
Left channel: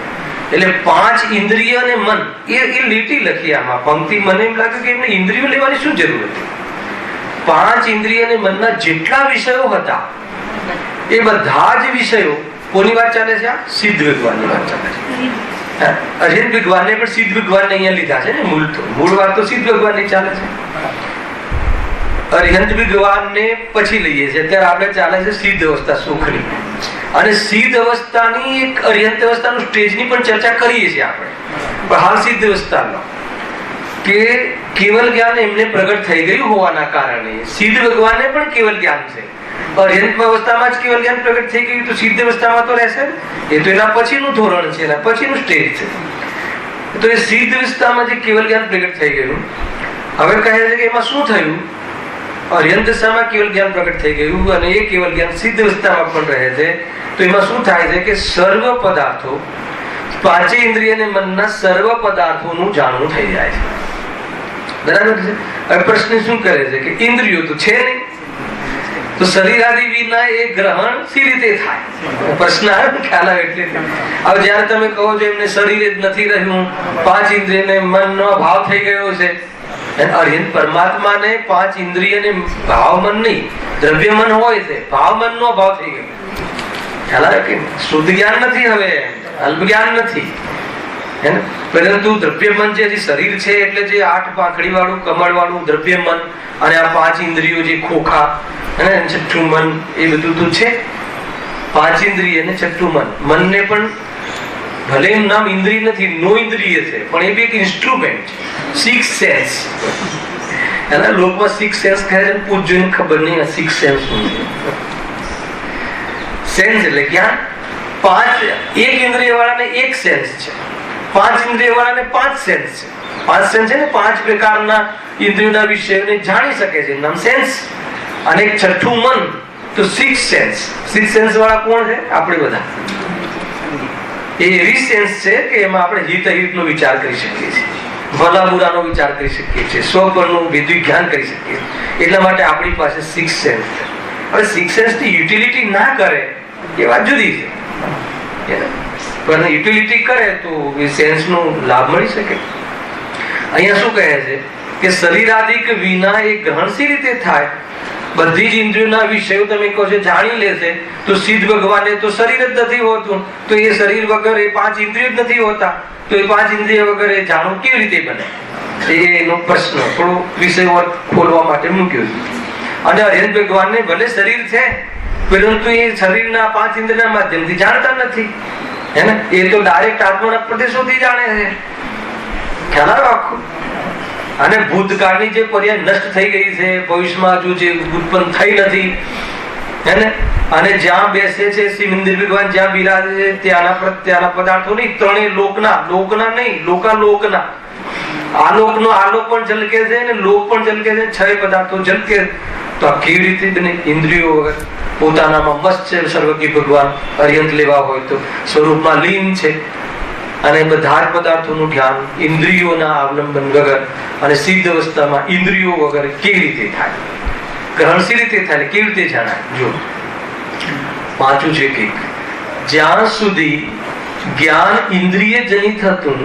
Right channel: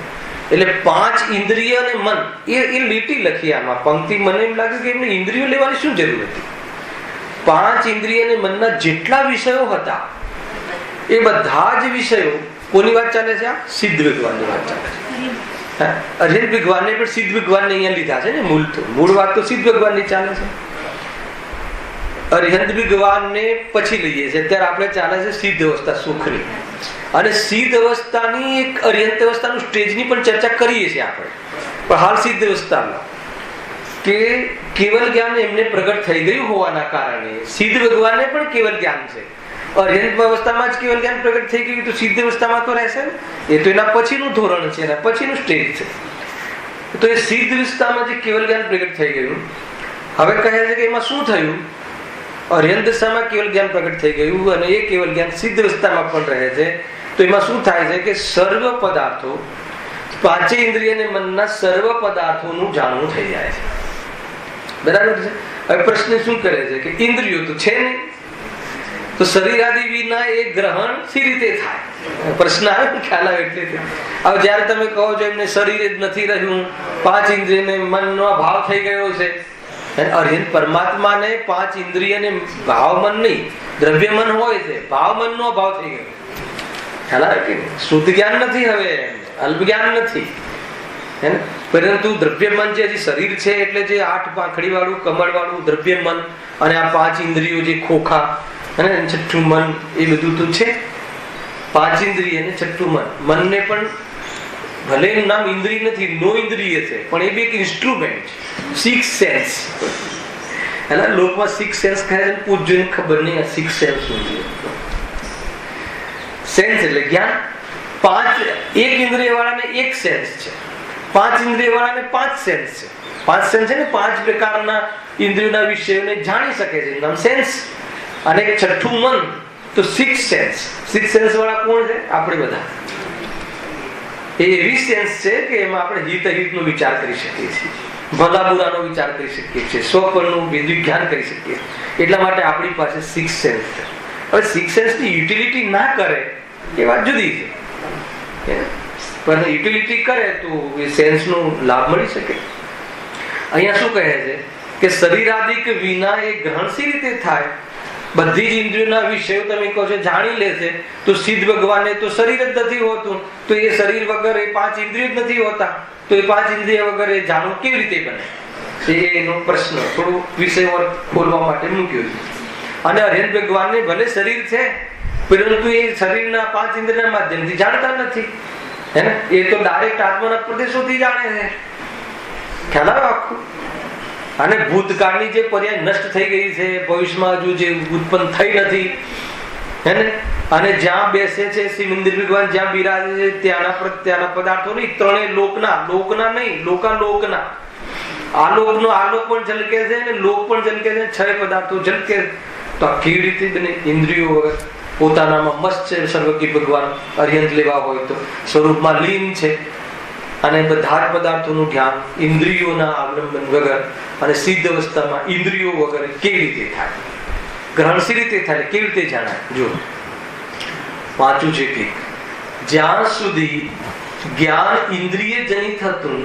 એટલે પાંચ ઇન્દ્રિય અને મન એ લીટી લખી આમાં પંક્તિ. મને એમ લાગે કે એમને ઇન્દ્રિયો લેવાની શું જરૂર હતી? પાંચ ઇન્દ્રિય અને મનના જેટલા વિષયો હતા એ બધા જ વિષયો કોની વાત ચાલે છે? આ સિદ્ધ વિદ્વાનની વાત ચાલે છે. અજિત વિદ્વાનને પણ સિદ્ધ વિદ્વાનને અહીંયા લીધા છે ને. મૂળ વાત તો સિદ્ધ વિદ્વાનની ચાલે છે. અરિહંત વિદ્વાનને પછી લઈએ છીએ. અત્યારે આપણે ચાલે છે સિદ્ધ અવસ્થા સુખની, અને સિદ્ધ અવસ્થાની એક અરિહંત અવસ્થાનું સ્ટેજની પણ ચર્ચા કરીએ છીએ આપણે. પણ હાલ સિદ્ધ અવસ્થાનો કે કેવલ જ્ઞાન એમને પ્રગટ થઈ ગયું હોવાના કારણે સિદ્ધ ભગવાનને પણ કેવલ જ્ઞાન છે. અરિહંત અવસ્થામાં જ કેવલ જ્ઞાન પ્રગટ થઈ ગયું તો સિદ્ધ અવસ્થામાં તો રહેશે. એ તો એના પછીનું ધોરણ છે, એના પછીનું સ્ટેજ છે. તો એ સિદ્ધ અવસ્થામાં જે કેવલ જ્ઞાન પ્રગટ થઈ ગયું, હવે કહે છે કે એમાં શું થયું? અરિહંત દશામાં કેવલ જ્ઞાન પ્રગટ થઈ ગયું, અને એ કેવલ જ્ઞાન સિદ્ધ અવસ્થામાં પણ રહે છે. તો એમાં શું થાય છે કે સર્વ પદાર્થો, પાંચે ઇન્દ્રિય અને મનના સર્વ પદાર્થોનું જાણવું થઈ જાય છે. બરાબર છે? હવે પ્રશ્ન શું કરે છે કે ઇન્દ્રિયો તો છે નહીં, તો શરીર આદિ વિના એ ગ્રહણ સી રીતે થાય? પ્રશ્ન આવે, ખ્યાલ આવે એટલે. હવે જયારે તમે કહો છો એમને શરીર જ નથી રહ્યું, પાંચ ઇન્દ્રિય ને મનનો ભાવ થઈ ગયો છે, અરિહંત પરમાત્માને પાંચ ઇન્દ્રિય ને ભાવ મન નહીં, દ્રવ્ય મન હોય છે, ભાવ મન નો ભાવ થઈ ગયો. ખ્યાલ આવે કે શુદ્ધ જ્ઞાન નથી, હવે અલ્પ જ્ઞાન નથી. પરંતુ દ્રવ્ય મન જે શરીર છે એટલે જે 8 પાંખડી વાળું કમળ વાળું દ્રવ્ય મન, અને આ પાંચ ઇન્દ્રિયો જે ખોખા અને છઠ્ઠું મન, એ બધું તો છે. પાંચ ઇન્દ્રિય અને છઠ્ઠું મન. મનને પણ ભલે એનું નામ ઇન્દ્રિય નથી, નો ઇન્દ્રિય છે, પણ એ બી એક ઇન્સ્ટ્રુમેન્ટ છે. 6 સેન્સ. એના લોકમાં 6 સેન્સ કહે છે. પૂજ્યોને ખબર નહીં આ 6 સેન્સ શું છે. સેન્સ એટલે જ્ઞાન. એક ઇન્દ્રિય વાળાને 1 સેન્સ છે, 5 ઇન્દ્રિય વાળાને 5 સેન્સ છે. 5 સેન્સ છે ને, 5 પ્રકારના ઇન્દ્રિયોના વિષયોને જાણી શકે છે, નામ સેન્સ. અને એક છઠ્ઠું મન, તો 6 સેન્સ. 6 સેન્સ વાળા કોણ છે? આપણે બધા. એ એવી સેન્સ છે કે એમાં આપણે હિત અહિતનો વિચાર કરી શકીએ છીએ, ભલા બુરાનો વિચાર કરી શકીએ છીએ, સ્વપરનું વિજ્ઞાન કરી શકીએ. એટલા માટે આપણી પાસે 6 સેન્સ છે. હવે 6 સેન્સની યુટિલિટી ના કરે એ વાત જુદી છે, પણ યુટિલિટી કરે તો એ સેન્સનો લાભ મળી શકે. અહીંયા શું કહે છે કે શરીરાદિક વિના એ ગ્રહણ સી રીતે થાય? બધી જ ઇન્દ્રિયોના વિષયો તમે કહો છો જાણી લેશે, તો સિદ્ધ ભગવાને તો શરીર જ નથી હોતું, તો એ શરીર વગર એ 5 ઇન્દ્રિયો જ નથી હોતા, તો એ 5 ઇન્દ્રિય વગર એ જાણવું કેવી રીતે બને? એનો પ્રશ્ન થોડો વિષય ખોલવા માટે મૂક્યો છે. અને હરિહર ભગવાનને ભલે શરીર છે, પરંતુ એ શરીરના 5 ઇન્દ્રિયના માધ્યમથી જાણતા નથી, હે ને? એ તો ડાયરેક્ટ આત્માના પ્રદેશોથી જાણે છે. ખ્યાલ આવ્યો આખું? અને ભૂતકાળની જે પર્યાય નષ્ટ થઈ ગઈ છે, ભવિષ્યમાં હજુ જે ઉત્પન્ન થઈ નથી, હે ને? અને જ્યાં બેસે છે શિવ ઇન્દ્ર ભગવાન, જ્યાં બિરાજે છે ત્યાંના પદાર્થો નહીં, ત્રણેય લોકના નહીં, લોકાલોકના. આલોકનો આલોક પણ ઝલકે છે ને લોક પણ ઝલકે છે, 6 પદાર્થો ઝલકે. તો આ કેવી રીતે બને? ઇન્દ્રિયો વગર. પોતાનામાં મસ્ત છે સર્વજ્ઞ ભગવાન, અરિહંત લેવા હોય તો સ્વરૂપમાં લીન છે, અને બધા જ પદાર્થોનું ધ્યાન ઇન્દ્રિયોના અવલંબન વગર અને સિદ્ધ અવસ્થામાં ઇન્દ્રિયો વગર કેવી રીતે થાય? ગ્રહણ સી રીતે થાય? કેવી રીતે જાણાય? જો પાછું છે કે જ્યાં સુધી જ્ઞાન ઇન્દ્રિય જનિત હતું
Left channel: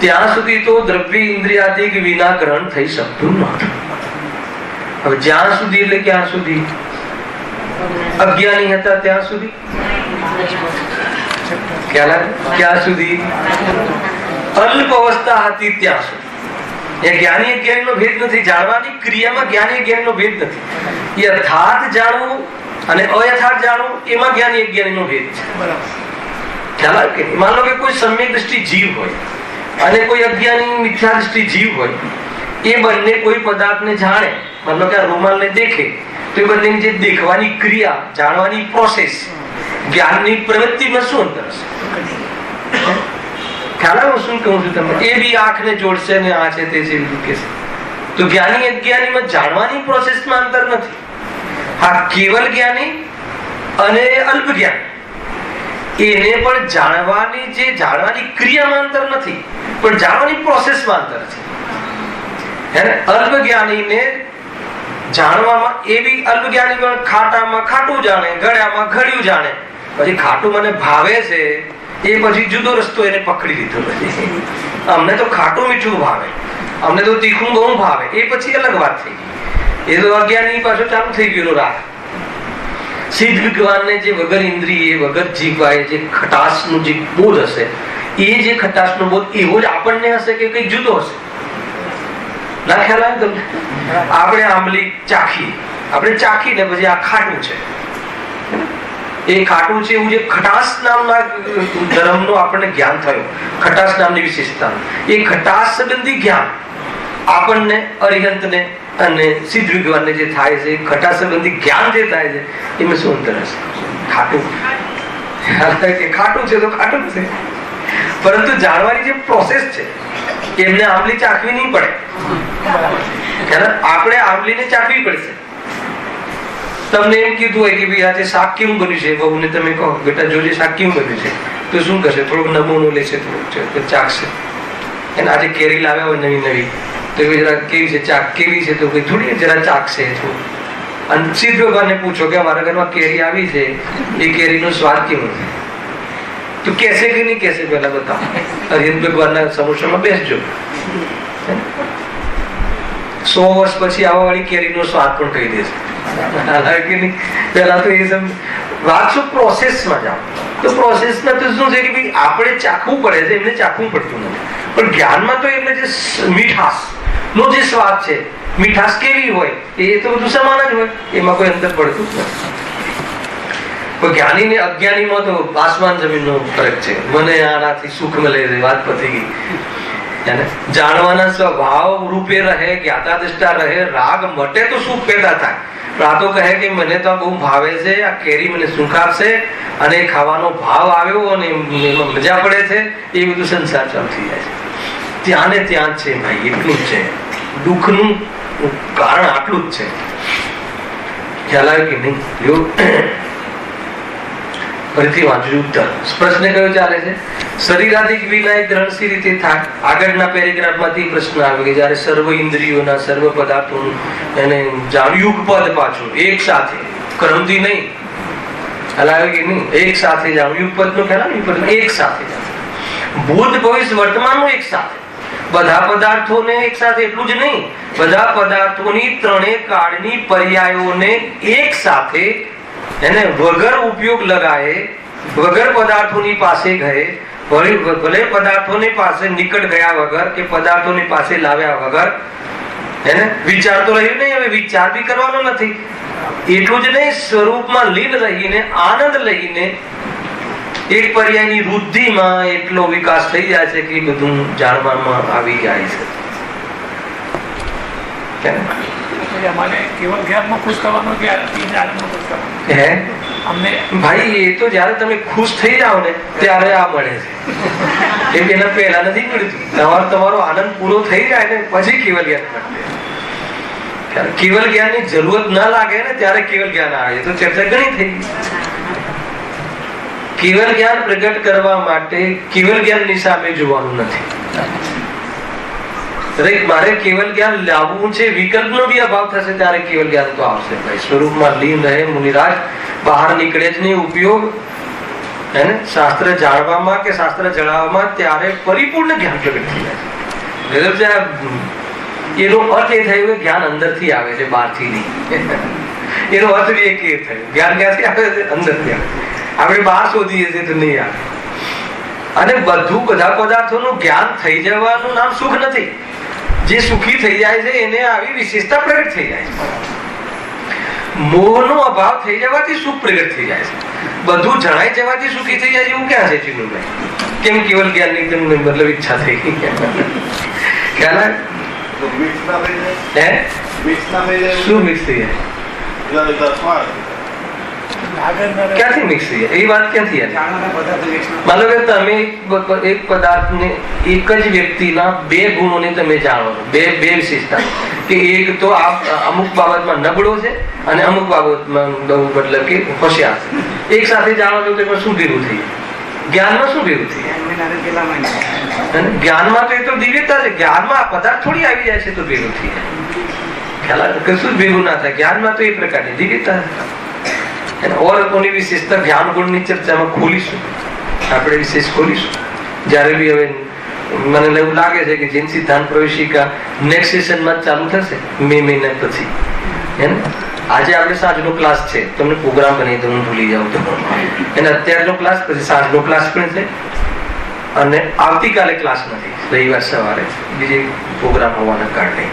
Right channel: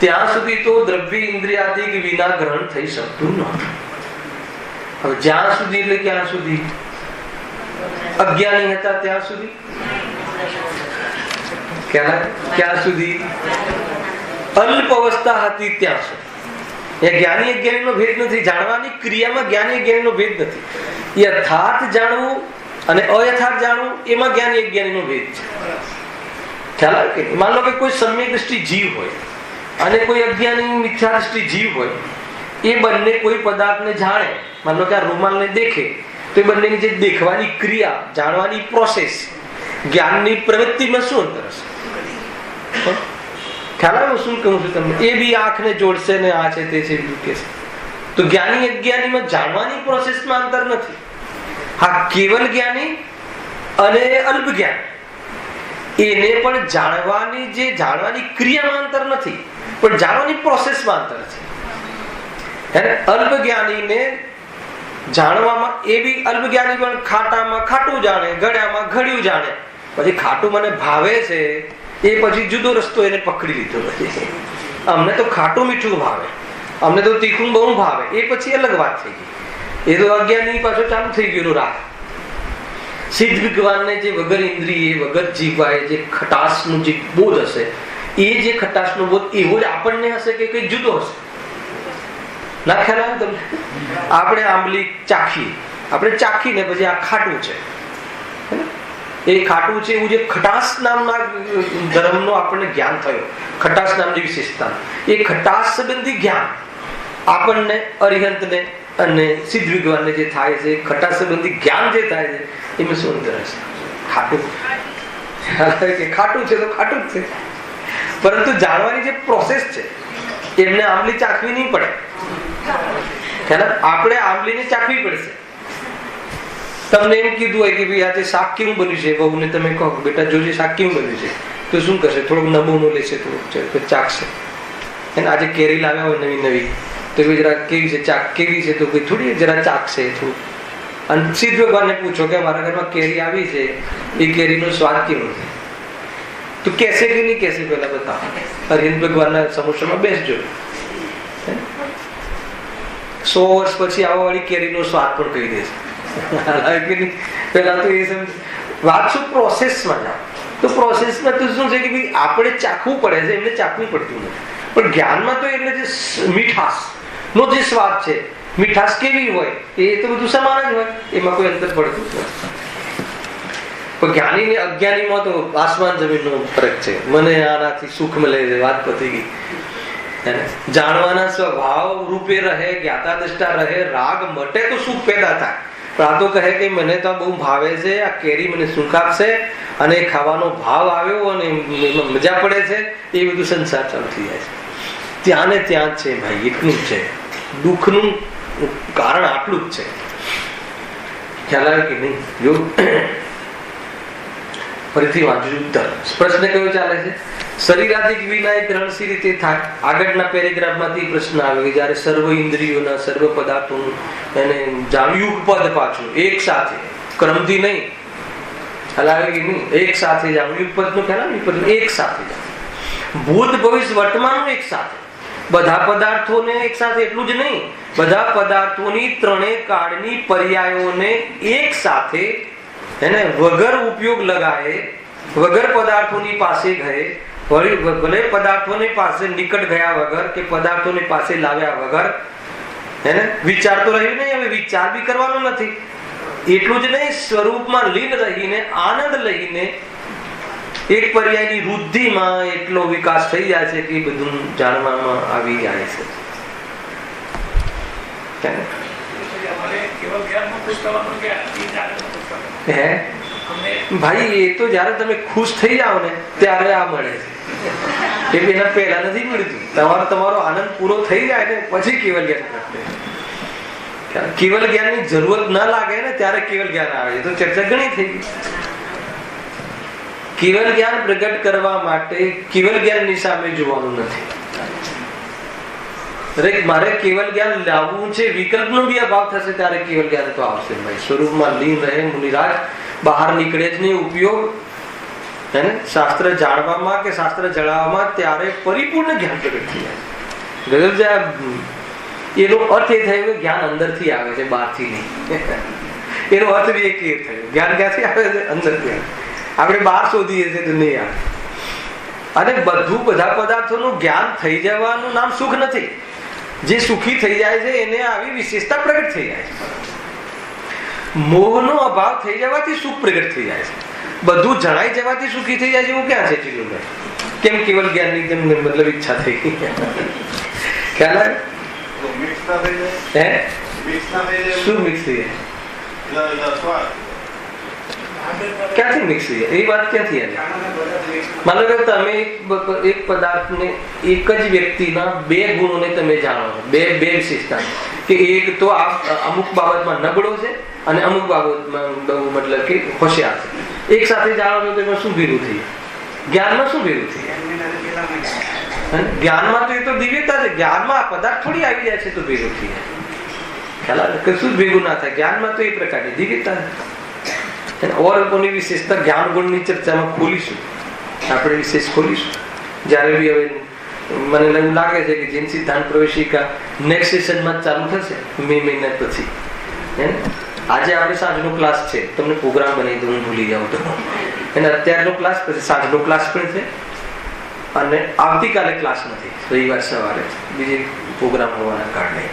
ત્યાં સુધી તો દ્રવ્ય ઇન્દ્રિયાદિક વિના ગ્રહણ થઈ શકતું નહોતું. હવે જ્યાં સુધી એટલે ક્યાં સુધી? અજ્ઞાની હતા ત્યાં સુધી. ક્યાં સુધી? અલ્પ અવસ્થા હતી ત્યાં સુધી. જ્ઞાની અજ્ઞાનીનો ભેદ નથી. જાણવાની ક્રિયામાં જ્ઞાની અજ્ઞાનીનો ભેદ નથી. યથાર્થ જાણવું અને અયથાર્થ જાણવું એમાં જ્ઞાની અજ્ઞાનીનો ભેદ છે. ખ્યાલ આવે કે? માન લો કે કોઈ સમ્યક દ્રષ્ટિ જીવ હોય અને કોઈ અજ્ઞાની મિથ્યા દ્રષ્ટિ જીવ હોય, એ બંને કોઈ પદાર્થને જાણે, માન લો કે આ રૂમાલને દેખે, તો એ બંનેની જે દેખવાની ક્રિયા, જાણવાની પ્રોસેસ, જ્ઞાનની પ્રવૃત્તિમાં શું અંતર હશે? ખ્યાલ આવે શું કહું છું તમને? એ બી આંખને જોડશે ને આ છે તે છે બીજું કે છે. તો જ્ઞાની અજ્ઞાનીમાં જાણવાની પ્રોસેસમાં અંતર નથી. હા, કેવલ જ્ઞાની અને અલ્પ જ્ઞાન એને પણ જાણવાની ક્રિયામાં અંતર નથી, પણ જાણવાની પ્રોસેસમાં અંતર છે. અલ્પ જ્ઞાનીને જાણવામાં, એ બી અલ્પ જ્ઞાની પણ ખાટામાં ખાટું જાણે, ગળ્યામાં ઘડ્યું જાણે. પછી ખાટું મને ભાવે છે એ પછી જુદો રસ્તો એને પકડી લીધો. અમને તો ખાટું મીઠું ભાવે, અમને તો તીખું બહુ ભાવે, એ પછી અલગ વાત થઈ ગઈ. એ તો અજ્ઞાની પાછો ચાલુ થઈ ગયો રાગ. સિદ્ધ ભગવાનને જે વગર ઇન્દ્રિય વગર જીવાય જે ખટાશનું જે બોધ હશે, એ જે ખટાશનો બોધ એવો જ આપણને હશે કે કઈ જુદો હશે? ના ખ્યાલ આવે તમને? આપણે આંબલી ચાખીને પછી આ ખાટું છે, એ ખાટું છે એવું જે ખટાશ નામના ધર્મનો આપણને જ્ઞાન થયો, ખટાશ નામની વિશેષતા, એ ખટાશ સંબંધી જ્ઞાન આપણને અરિહંતને અને સિદ્ધ ભગવાનને જે થાય છે, ખટાશ સંબંધી જ્ઞાન જે થાય છે, એમાં શું અંતર હશે? ખાટું છે તો ખાટું જ છે, પરંતુ જાણવાની જે પ્રોસેસ છે એમને આંબલી ચાખવી નહીં પડે. આપણે આંબલીને ચાખવી પડશે. તમને એમ કીધું હોય કે ભાઈ આજે શાક કેવું બન્યું છે, બહુને તમે કહો બેટા જોજે શાક કેવું બન્યું છે, તો શું કરશે? થોડુંક નમૂનો લેશે, તો ચાખશે. એને આજે કેરી લાવ્યા હોય નવી, તો એ જરા કેવી છે ચાક, કેવી છે, તો થોડી જરા ચાખશે થોડું. અને સિદ્ધ ભગવાનને પૂછો કે અમારા ઘરમાં કેરી આવી છે, એ કેરીનો સ્વાદ કેવો છે, તો કેસે કે નહીં કેસે? પેલા બતાવો. હરિહંત ભગવાનના સમોસામાં બેસજો. 100 વર્ષ પછી આવા વાળી કેરીનો સ્વાદ પણ કહી દેશે. પેલા તો એ વાત શું, પ્રોસેસમાં જાઓ. તો પ્રોસેસમાં તો શું છે કે ભાઈ આપણે ચાખવું પડે છે, એમને ચાખવું પડતું નથી. પણ જ્ઞાનમાં તો એટલે જે મીઠાશ નો જે સ્વાદ છે, મીઠાશ કેવી હોય એ તો બધું સમાન જ હોય, એમાં કોઈ અંતર પડતું નથી. પણ જ્ઞાની ને અજ્ઞાનીમાં તો આસમાન જમીનનો ફરક છે. મને આનાથી સુખ મળે છે, વાત પતી ગઈ. જાણવાના સ્વભાવ રૂપે રહે, જ્ઞાતા દ્રષ્ટા રહે, રાગ મટે તો સુખ પેદા થાય. પણ આ તો કહે કે મને તો બહુ ભાવે છે, આ કેરી મને સુખ આપશે, અને ખાવાનો ભાવ આવ્યો અને એમાં મજા પડે છે, એ બધું સંસાર ચાલુ થઈ જાય છે. ત્યાં ને ત્યાં જ છે ભાઈ, એટલું જ છે. દુઃખનું કારણ આટલું જ છે. ખ્યાલ આવે કે નહીં? જો ફરીથી વાંચું ઉત્તર. પ્રશ્ન કયો ચાલે છે? શરીરાદિક વિના ગ્રહણ સી રીતે થાય? આગળના પેરેગ્રાફમાંથી પ્રશ્ન આવે કે જયારે સર્વ ઇન્દ્રિયોના સર્વ પદાર્થોનું એને જાણ્યું પદ પાછું એક સાથે, ક્રમથી નહીં, હલાવે કે નહીં, એક સાથે જાણ્યું પદ નો ખ્યાલ એક સાથે ભૂત ભવિષ્ય વર્તમાનનું એક સાથે, બધા પદાર્થોને એક સાથે, એટલું જ નહીં, બધા પદાર્થોની ત્રણેય કાળની પર્યાયોને એક સાથે એને વગર ઉપયોગ લગાએ, વગર પદાર્થોની પાસે ગયે, ભલે પદાર્થોની પાસે નિકટ ગયા વગર કે પદાર્થોની પાસે લાવ્યા વગર હે ને વિચાર તો રહ્યો નહીં. હવે વિચાર બી કરવાનો નથી. એટલું જ નહીં, સ્વરૂપમાં લીન રહીને આનંદ લઈને એક પર્યાયની વૃદ્ધિમાં એટલો વિકાસ થઈ જાય છે કે બધું જાણવામાં આવી જાય છે. ભાઈ એ તો જયારે તમે ખુશ થઈ જાઓ ને ત્યારે આ મળે છે. એમ એના પહેલા નથી મળ્યું. તમારો આનંદ પૂરો થઈ જાય ને પછી કેવલ જ્ઞાન મળે. કેવલ જ્ઞાન ની જરૂરત ના લાગે ને ત્યારે કેવલ જ્ઞાન આવે. તો ચર્ચા ઘણી થઈ ગઈ. કેવલ જ્ઞાન પ્રગટ કરવા માટે કેવલ જ્ઞાન ની સામે જોવાનું નથી. મારે કેવલ જ્ઞાન લાવવું છે, વિકલ્પ નો બી અભાવ થશે ત્યારે કેવલ જ્ઞાન તો આવશે. ભાઈ સ્વરૂપમાં લીન રહે મુનિરાજ, બહાર નીકળે જ નહીં. ઉપયોગ હે ને શાસ્ત્ર જાણવામાં કે શાસ્ત્ર જણાવવામાં ત્યારે પરિપૂર્ણ જ્ઞાન પ્રગટ થઈ જાય. એનો અર્થ એ થયો કે જ્ઞાન અંદરથી આવે છે, બહારથી નહીં. એનો અર્થ બી એક એ થયો, જ્ઞાન ક્યાંથી આવે છે? અંદરથી આવે. આપણે બહાર શોધીએ છીએ તો નહીં આવે. અને બધા પદાર્થોનું જ્ઞાન થઈ જવાનું નામ સુખ નથી. જે સુખી થઈ જાય છે એને આવી વિશેષતા પ્રગટ થઈ જાય છે. મોહનો અભાવ થઈ જવાથી સુખ પ્રગટ થઈ જાય છે. બધું જણાઈ જવાથી સુખી થઈ જાય છે એવું ક્યાં છે ચીનુભાઈ? કેમ કેવલ જ્ઞાનની જેમ મતલબ ઈચ્છા થઈ ગઈ? ખ્યાલ આવે? શું મિક્સ થઈ જાય? ક્યાંથી મિક્સ થઈ જાય? એ વાત ક્યાંથી આવે? મતલબ કે તમે એક પદાર્થને એક જ વ્યક્તિના બે ગુણોને તમે જાણો છો, બે વિશેષતા. કે એક તો અમુક બાબતમાં નબળો છે અને અમુક બાબતમાં મતલબ કે હોશિયાર છે. એક સાથે જાણો છો તો એમાં શું ભેગું થઈ જાય? જ્ઞાનમાં શું ભેગું થઈ જાય? જ્ઞાનમાં તો એ તો દિવ્યતા છે. જ્ઞાનમાં આ પદાર્થ થોડી આવી જાય છે તો ભેગું થઈ જાય. ખ્યાલ આવે? કશું જ ભેગું ના થાય. જ્ઞાનમાં તો એ પ્રકારની દિવ્યતા છે. ઓર કોની વિશેષતા જ્ઞાન ગુણની ચર્ચામાં ખોલીશું, આપણે વિશેષ ખોલીશું જ્યારે બી. હવે મને એવું લાગે છે કે જૈન સિદ્ધાંત પ્રવેશિકા નેક્સ્ટ સેશનમાં ચાલુ થશે મે મહિના પછી. હે ને આજે આપણે સાંજનો ક્લાસ છે, તમને પ્રોગ્રામ બની તો હું ભૂલી જાઉં તો. એને અત્યારનો ક્લાસ પછી સાંજનો ક્લાસ પણ છે અને આવતીકાલે ક્લાસ નથી, રવિવાર સવારે બીજી પ્રોગ્રામ હોવાના કારણે.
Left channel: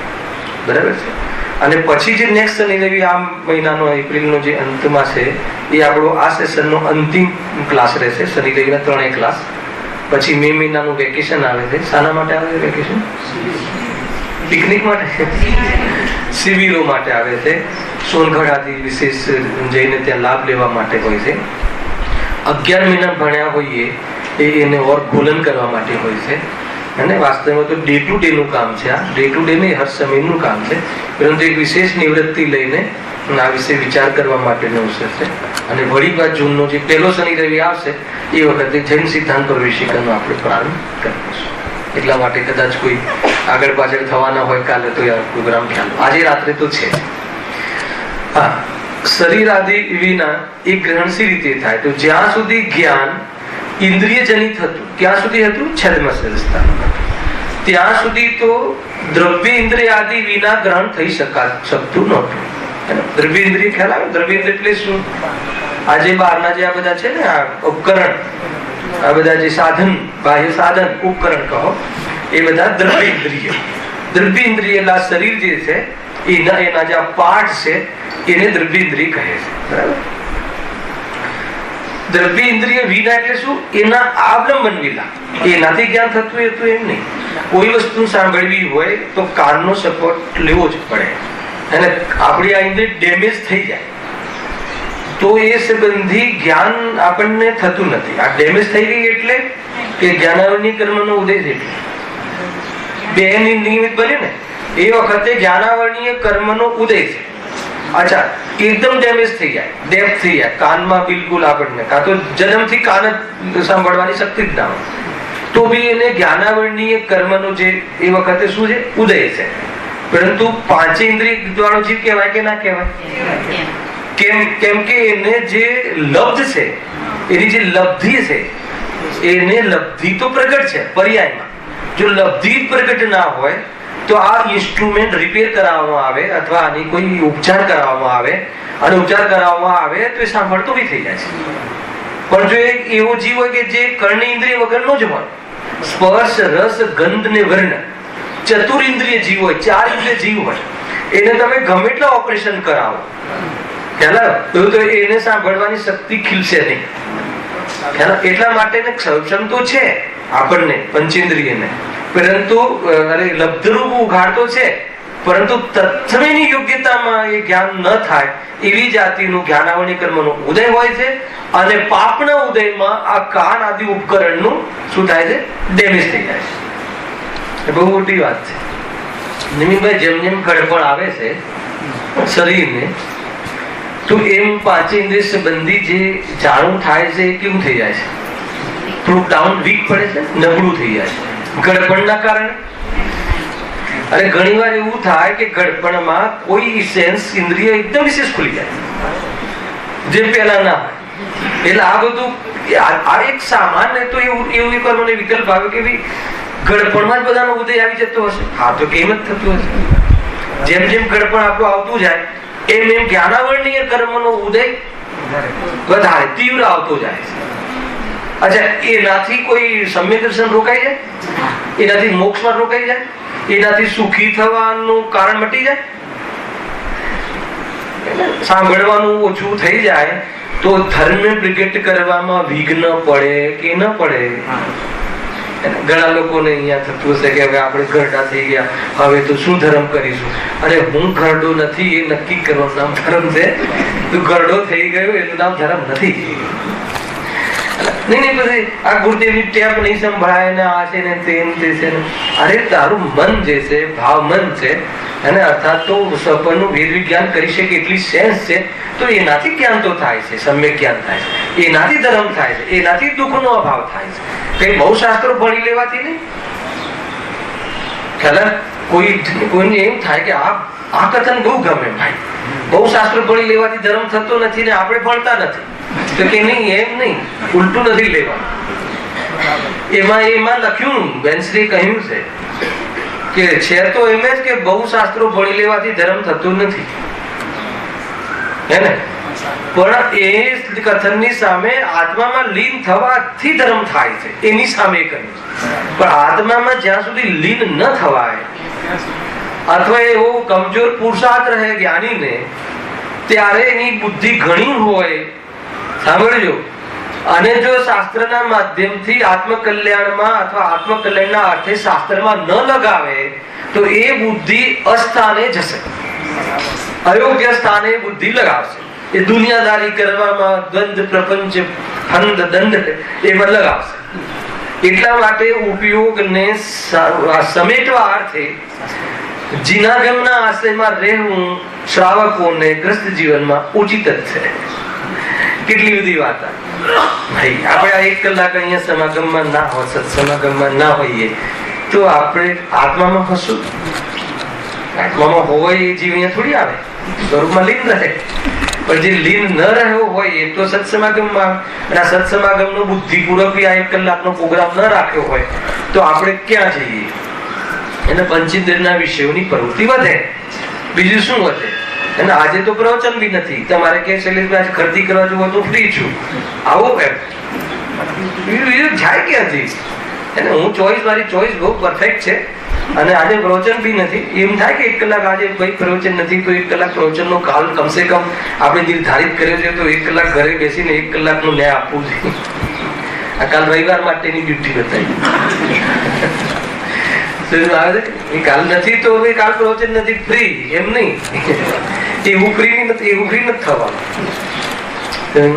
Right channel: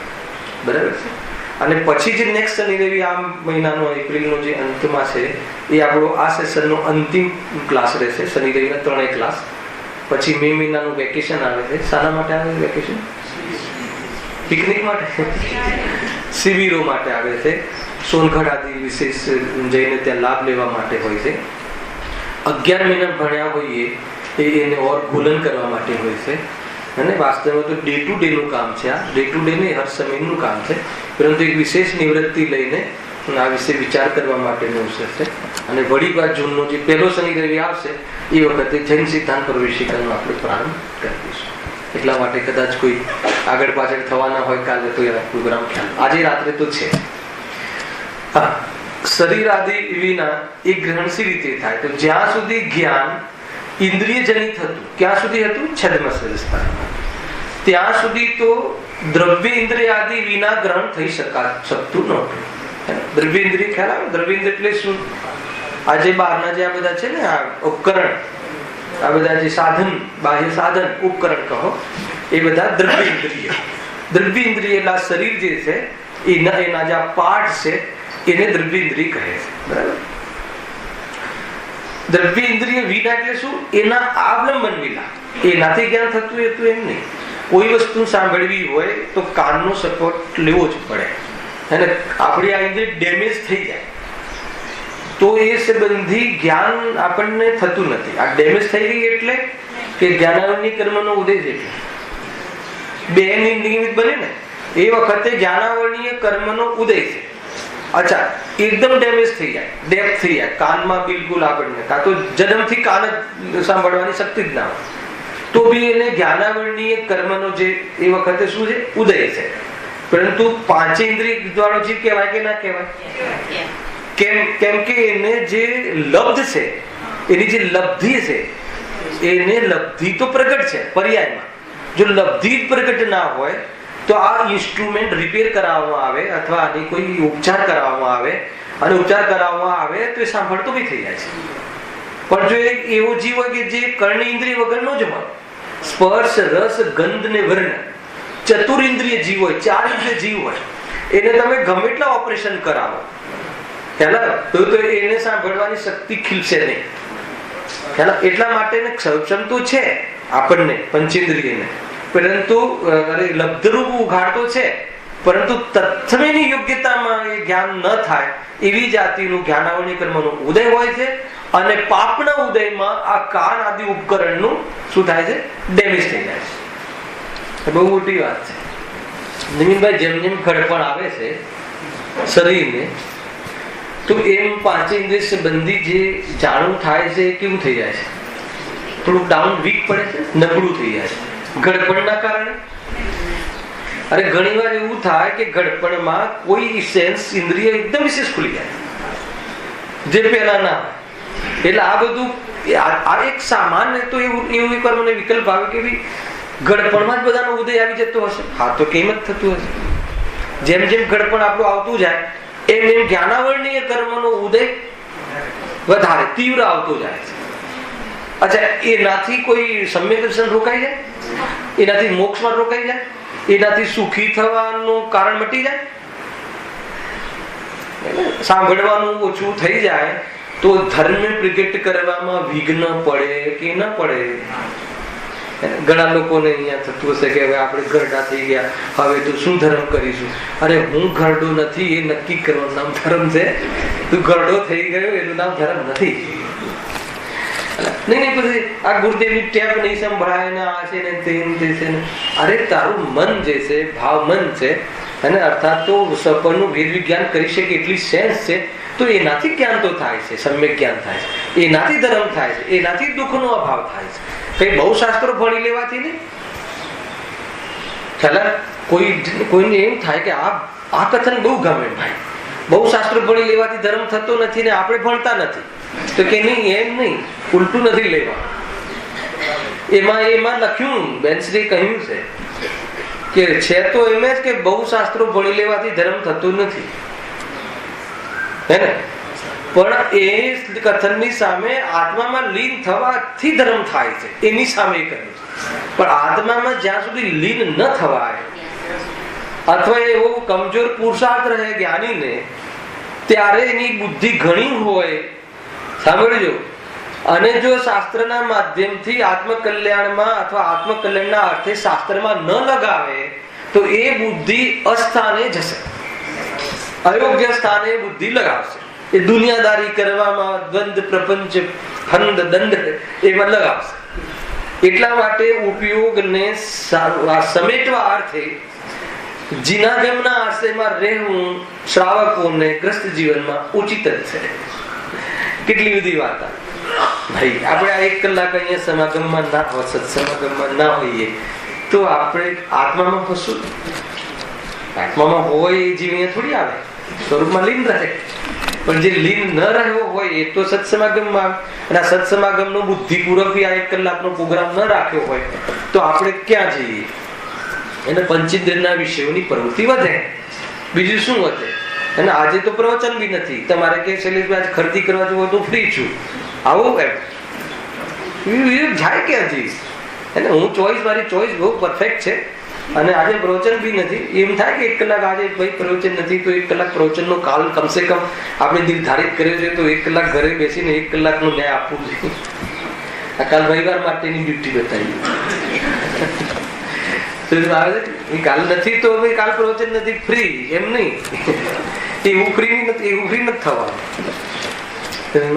બરાબર છે. અને પછી જે નેક્સ્ટ શનિ રવિ આ મહિનાનો એપ્રિલનો જે અંતમાં છે એ આપણો આ સેશનનો અંતિમ ક્લાસ રહેશે. શનિ રવિના 3 ક્લાસ. પછી મે મહિનાનું વેકેશન આવે છે. શાના માટે આવે છે વેકેશન? પિકનિક માટે, શિબિરો માટે આવે છે. સોનગઢ આદિ વિશેષ જઈને ત્યાં લાભ લેવા માટે હોય છે. 11 મહિના ભણ્યા હોઈએ એને ઓર ગોલન કરવા માટે હોય છે. અને વાસ્તવમાં તો ડે ટુ ડે નું કામ છે. આ ડે ટુ ડે નહીં, હર સમયનું કામ છે. પરંતુ એક વિશેષ નિવૃત્તિ લઈને આ વિશે વિચાર કરવા માટેનો અવસર છે. અને વળી બાદ જૂનનો જે પહેલો શનિ રવિ આવશે એ વખતે જૈન સિદ્ધાંત પ્રવેશિકાનો આપણે પ્રારંભ કરીશું. એટલા માટે કદાચ કોઈ આગળ પાછળ થવાના હોય કાલે તો પ્રોગ્રામ આજે રાત્રે તો છે. હા, શરીર આદિ વિના એ ગ્રહણ સી રીતે થાય? તો જ્યાં સુધી જ્ઞાન ઇન્દ્રિય જનિત હતું ક્યાં સુધી હતું? ત્યાં સુધી તો દ્રવ્ય ઇન્દ્રિય આદિ વિના ગ્રહણ થઈ શકતું નહોતું. દ્રવ્ય ઇન્દ્રિય ખ્યાલ આવે? દ્રવ્ય ઇન્દ્રિય એટલે શું? આજે બહારના જે આ બધા છે ને આ ઉપકરણ, આ બધા જે સાધન, બાહ્ય સાધન ઉપકરણ કહો, એ બધા દ્રવ્ય ઇન્દ્રિય. દ્રવ્ય ઇન્દ્રિય એટલે શરીર જે છે એના જે પાર્ટ છે એને દ્રવ્ય ઇન્દ્રિય કહે છે. બરાબર? દ્રવ્ય ઇન્દ્રિય વિના એટલે શું? એના આવલંબન વિના. એનાથી જ્ઞાન થતું એ તો એમ નહીં. કોઈ વસ્તુ સાંભળવી હોય તો કાનનો સપોર્ટ લેવો જ પડે. અને આપણી આ ઇન્દ્રિય ડેમેજ થઈ જાય તો એ સંબંધી જ્ઞાન આપણને થતું નથી. આ ડેમેજ થઈ ગઈ એટલે કે જ્ઞાનાવરણી કર્મનો ઉદય છે. બે નિમિત્ત બને ને એ વખતે જ્ઞાનાવરણીય કર્મનો ઉદય છે. અચ્છા, એકદમ ડેમેજ થઈ જાય, ડેપ્થ થઈ જાય કાનમાં, બિલકુલ આપણને કાં તો જન્મથી કાન સાંભળવાની શક્તિ જ ના હોય તો બી એને જ્ઞાનાવરણીય કર્મનો જે એ વખતે શું છે? ઉદય છે. પરંતુ પાંચે ઇન્દ્રિય વાળો જીવ કહેવાય કે ના કહેવાય? કેમ કે એને જે લબ્ધ છે, એની જે લબ્ધિ છે, એને લબ્ધિ તો પ્રગટ છે પર્યાયમાં. જો લબ્ધિ પ્રગટ ના હોય તો આ ઇન્સ્ટ્રુમેન્ટ રિપેર કરાવવામાં આવે અથવા આની કોઈ ઉપચાર કરાવવામાં આવે અને ઉપચાર કરાવવામાં આવે તો એ સાંભળતો બી થઈ જાય છે. પણ જો એક એવો જીવ હોય કે જે કર્ણ ઇન્દ્રિય વગરનો જ હોય, સ્પર્શ રસ ગંધ ને વર્ણ ચતુરિન્દ્રિય જીવ હોય, 4 ઇન્દ્રિય જીવ હોય, એને તમે ગમે એટલા ઓપરેશન કરાવો તો એને સાંભળવાની શક્તિ ખીલશે નહીં. એટલા માટે સક્ષમ તો છે આપણને પંચેન્દ્રિયને, પરંતુ લબ્ધરૂપ ઉઘાડતો છે, પરંતુ તત્વની યોગ્યતામાં એ જ્ઞાન ન થાય એવી જાતિનું જ્ઞાનાવરણી કર્મનો ઉદય હોય છે. અને પાપના ઉદયમાં આ કાન આદિ ઉપકરણનું શું થાય છે? ડેમેજ થઈ જાય છે. બહુ મોટી વાત છે. નિમિતભાઈ, જેમ જેમ ઘડપણ આવે છે શરીરને, તો એમ પાંચેન્દ્રિય સંબંધી જે જાણવું થાય છે એ કેવું થઈ જાય છે? થોડું ડાઉન વીક પડે છે, નબળું થઈ જાય છે ઘડપણના કારણે. અને ઘણી વાર એવું થાય કે ઘડપણમાં કોઈ સેન્સ ઇન્દ્રિય એકદમ વિશેષ ખુલી જાય, જે પહેલા ના હોય. એટલે આ બધું આ એક સામાન્ય તો એવું એક વાર મને વિકલ્પ આવે કે ભાઈ ઘડપણમાં જ બધાનો ઉદય આવી જતો હશે. હા, તો કેમ જ થતું હશે? જેમ જેમ ઘડપણ આપણું આવતું જાય એમ એમ જ્ઞાનાવરણીય કર્મનો ઉદય વધારે તીવ્ર આવતો જાય છે. અચ્છા, એનાથી કોઈ સમ્યક દર્શન રોકાઈ જાય? એનાથી મોક્ષમાં રોકાઈ જાય? એનાથી સુખી થવાનું કારણ મટી જાય? સાંભળવાનું ઓછું થઈ જાય તો ધર્મ પ્રગટ કરવામાં વિઘ્ન પડે કે ન પડે? ઘણા લોકોને અહીંયા થતું હશે કે હવે આપણે ઘરડા થઈ ગયા, હવે તો શું ધર્મ કરીશું? અરે, હું ઘરડો નથી એ નક્કી કરવાનું નામ ધર્મ છે. તું ઘરડો થઈ ગયો એનું નામ ધર્મ નથી. નહીં પછી આ ગુરુદેવની ટેપ નહીં સંભળાય ને આ છે ને તે છે ને. અરે, તારું મન જે છે, ભાવ મન છે, અને અર્થાત તો સપનું વેદ વિજ્ઞાન કરી શકે એટલી સેન્સ છે, તો એનાથી જ્ઞાન તો થાય છે, સમ્યક જ્ઞાન થાય છે, એનાથી ધર્મ થાય છે, એનાથી દુઃખનો અભાવ થાય છે. કઈ બહુ શાસ્ત્રો ભણી લેવાથી નહીં. કોઈને એમ થાય કે આ કથન બહુ ગમે ભાઈ, બહુ શાસ્ત્રો ભણી લેવાથી ધર્મ થતો નથી ને આપણે ભણતા નથી, તો કે નહીં, એમ નહીં, ઉલટું નથી લેવાનું. એમાં લખ્યું, બેનશ્રી કહ્યું છે કે છે તો એમ જ કે બહુ શાસ્ત્રો ભણી લેવાથી ધર્મ થતું નથી, હે ને? પણ એ કથનની સામે આત્મામાં લીન થવાથી ધર્મ થાય છે, એની સામે કહ્યું. પણ આત્મામાં જ્યાં સુધી લીન ન થવાય અથવા એવો કમજોર પુરુષાર્થ રહે જ્ઞાનીને, ત્યારે એની બુદ્ધિ ઘણી હોય, સાંભળજો, અને જો શાસ્ત્રના માધ્યમથી આત્મકલ્યાણમાં અથવા આત્મકલ્યાણના અર્થે શાસ્ત્રમાં ન લગાવે તો એ બુદ્ધિ અસ્થાને જશે, અયોગ્ય સ્થાને બુદ્ધિ લગાવશે. એ દુનિયાદારી કરવામાં, દ્વંદ્વ પ્રપંચ હંદ દંડ એમાં લગાવશે. એટલા માટે ઉપયોગને સમેટવા અર્થે જીનાગમના આશ્રયમાં રહેવું શ્રાવકોને ગ્રસ્ત જીવનમાં ઉચિત જ છે. કેટલી બધી વાત ભાઈ. આપણે આ 1 કલાક અહીંયા સમાગમમાં ના હોય, સત્સમાગમમાં ના હોઈએ તો આપણે આત્મામાં હશું? આત્મામાં હોય એ જીવ અહીંયા થોડી આવે, સ્વરૂપમાં લીન રહે. પણ જે લીન ન રહ્યો હોય એ તો સત્સમાગમમાં, સત્સમાગમનો બુદ્ધિપૂર્વક આ 1 કલાકનો પ્રોગ્રામ ન રાખ્યો હોય તો આપણે ક્યાં જઈએ? એને પંચેન્દ્રિયના વિષયોની પ્રવૃત્તિ વધે, બીજું શું વધે? અને આજે તો પ્રવચન બી નથી. તમારે કે શૈલેષભાઈ ખરીદી કરવા જવું તો ફ્રી છું, આવો એમ જાય ક્યાંથી? અને હું મારી ચોઈસ બહુ પરફેક્ટ છે, અને આજે પ્રવચન બી નથી. એમ થાય કે 1 કલાક આજે ભાઈ પ્રવચન નથી તો 1 કલાક પ્રવચનનો કાલ કમસે કમ આપણે નિર્ધારિત કર્યો છે, તો 1 કલાક ઘરે બેસીને 1 કલાકનું ન્યાય આપવું જોઈએ. આ કાલ રવિવાર માટેની ડ્યુટી બતાવી. કાલ નથી તો કાલ પ્રવચન નથી, ફ્રી એમ નહીં. એવું ફ્રી નથી થવાનું. એમ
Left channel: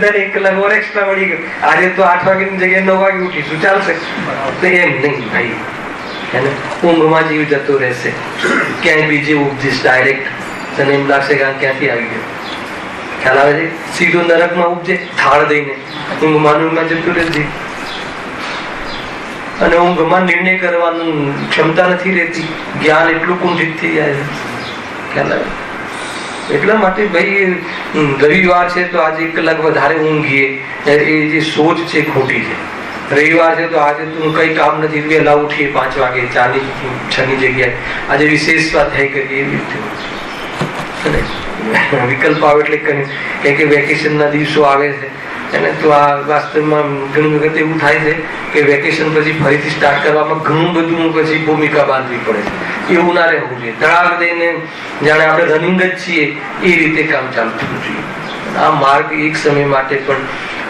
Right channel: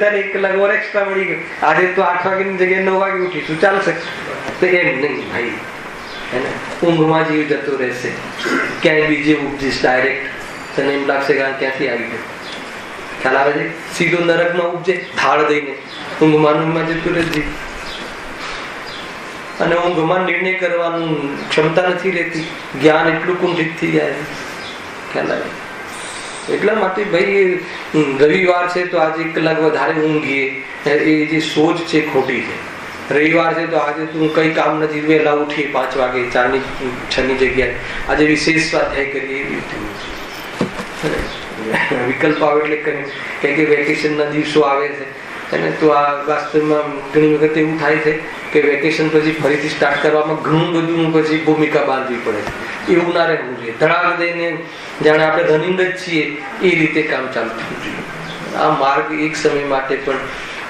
થાય 1 કલાક ઓર એક્સ્ટ્રા મળી ગયું. આજે તો 8 વાગ્યાની જગ્યાએ 9 વાગે ઉઠીશું, ચાલશે? તો એમ નહીં ભાઈ, ઊંઘમાં જીવ જતો રહેશે. ક્યાંય બીજે ઉપજીશ ડાયરેક્ટ, તને એમ લાગશે કે ક્યાંથી આવી ગયો. ખ્યાલ આવે છે? સીધો નરકમાં ઉપજે ઢાળ દઈને, ઊંઘમાં જતું રહેશે. અને ઊંઘમાં નિર્ણય કરવાની ક્ષમતા નથી રહેતી, જ્ઞાન એટલું કુંઠિત થઈ જાય છે. ખ્યાલ આવે? એટલા માટે ભાઈ રવિવાર છે તો આજે 1 કલાક વધારે ઊંઘીએ, એ જે સોચ છે ખોટી છે. રવિવાર છે તો આજે તું કઈ કામ નથી, વહેલા ઉઠીએ 5 વાગે, 4 ની 6 ની જગ્યાએ આજે વિશેષ સ્વાધ્યાય કરીએ. વિકલ્પ આવે એટલે કે વેકેશનના દિવસો આવે છે અને તો આ વાસ્તવમાં ઘણી વખત એવું થાય છે કે વેકેશન પછી ફરીથી સ્ટાર્ટ કરવામાં ઘણું બધું પછી ભૂમિકા બાંધવી પડે છે. એવું ના રહેવું જોઈએ. તળાવ દઈને જાણે આપણે રનિંગ જ છીએ એ રીતે કામ ચાલુ થવું જોઈએ. આ માર્ગ એક સમય માટે પણ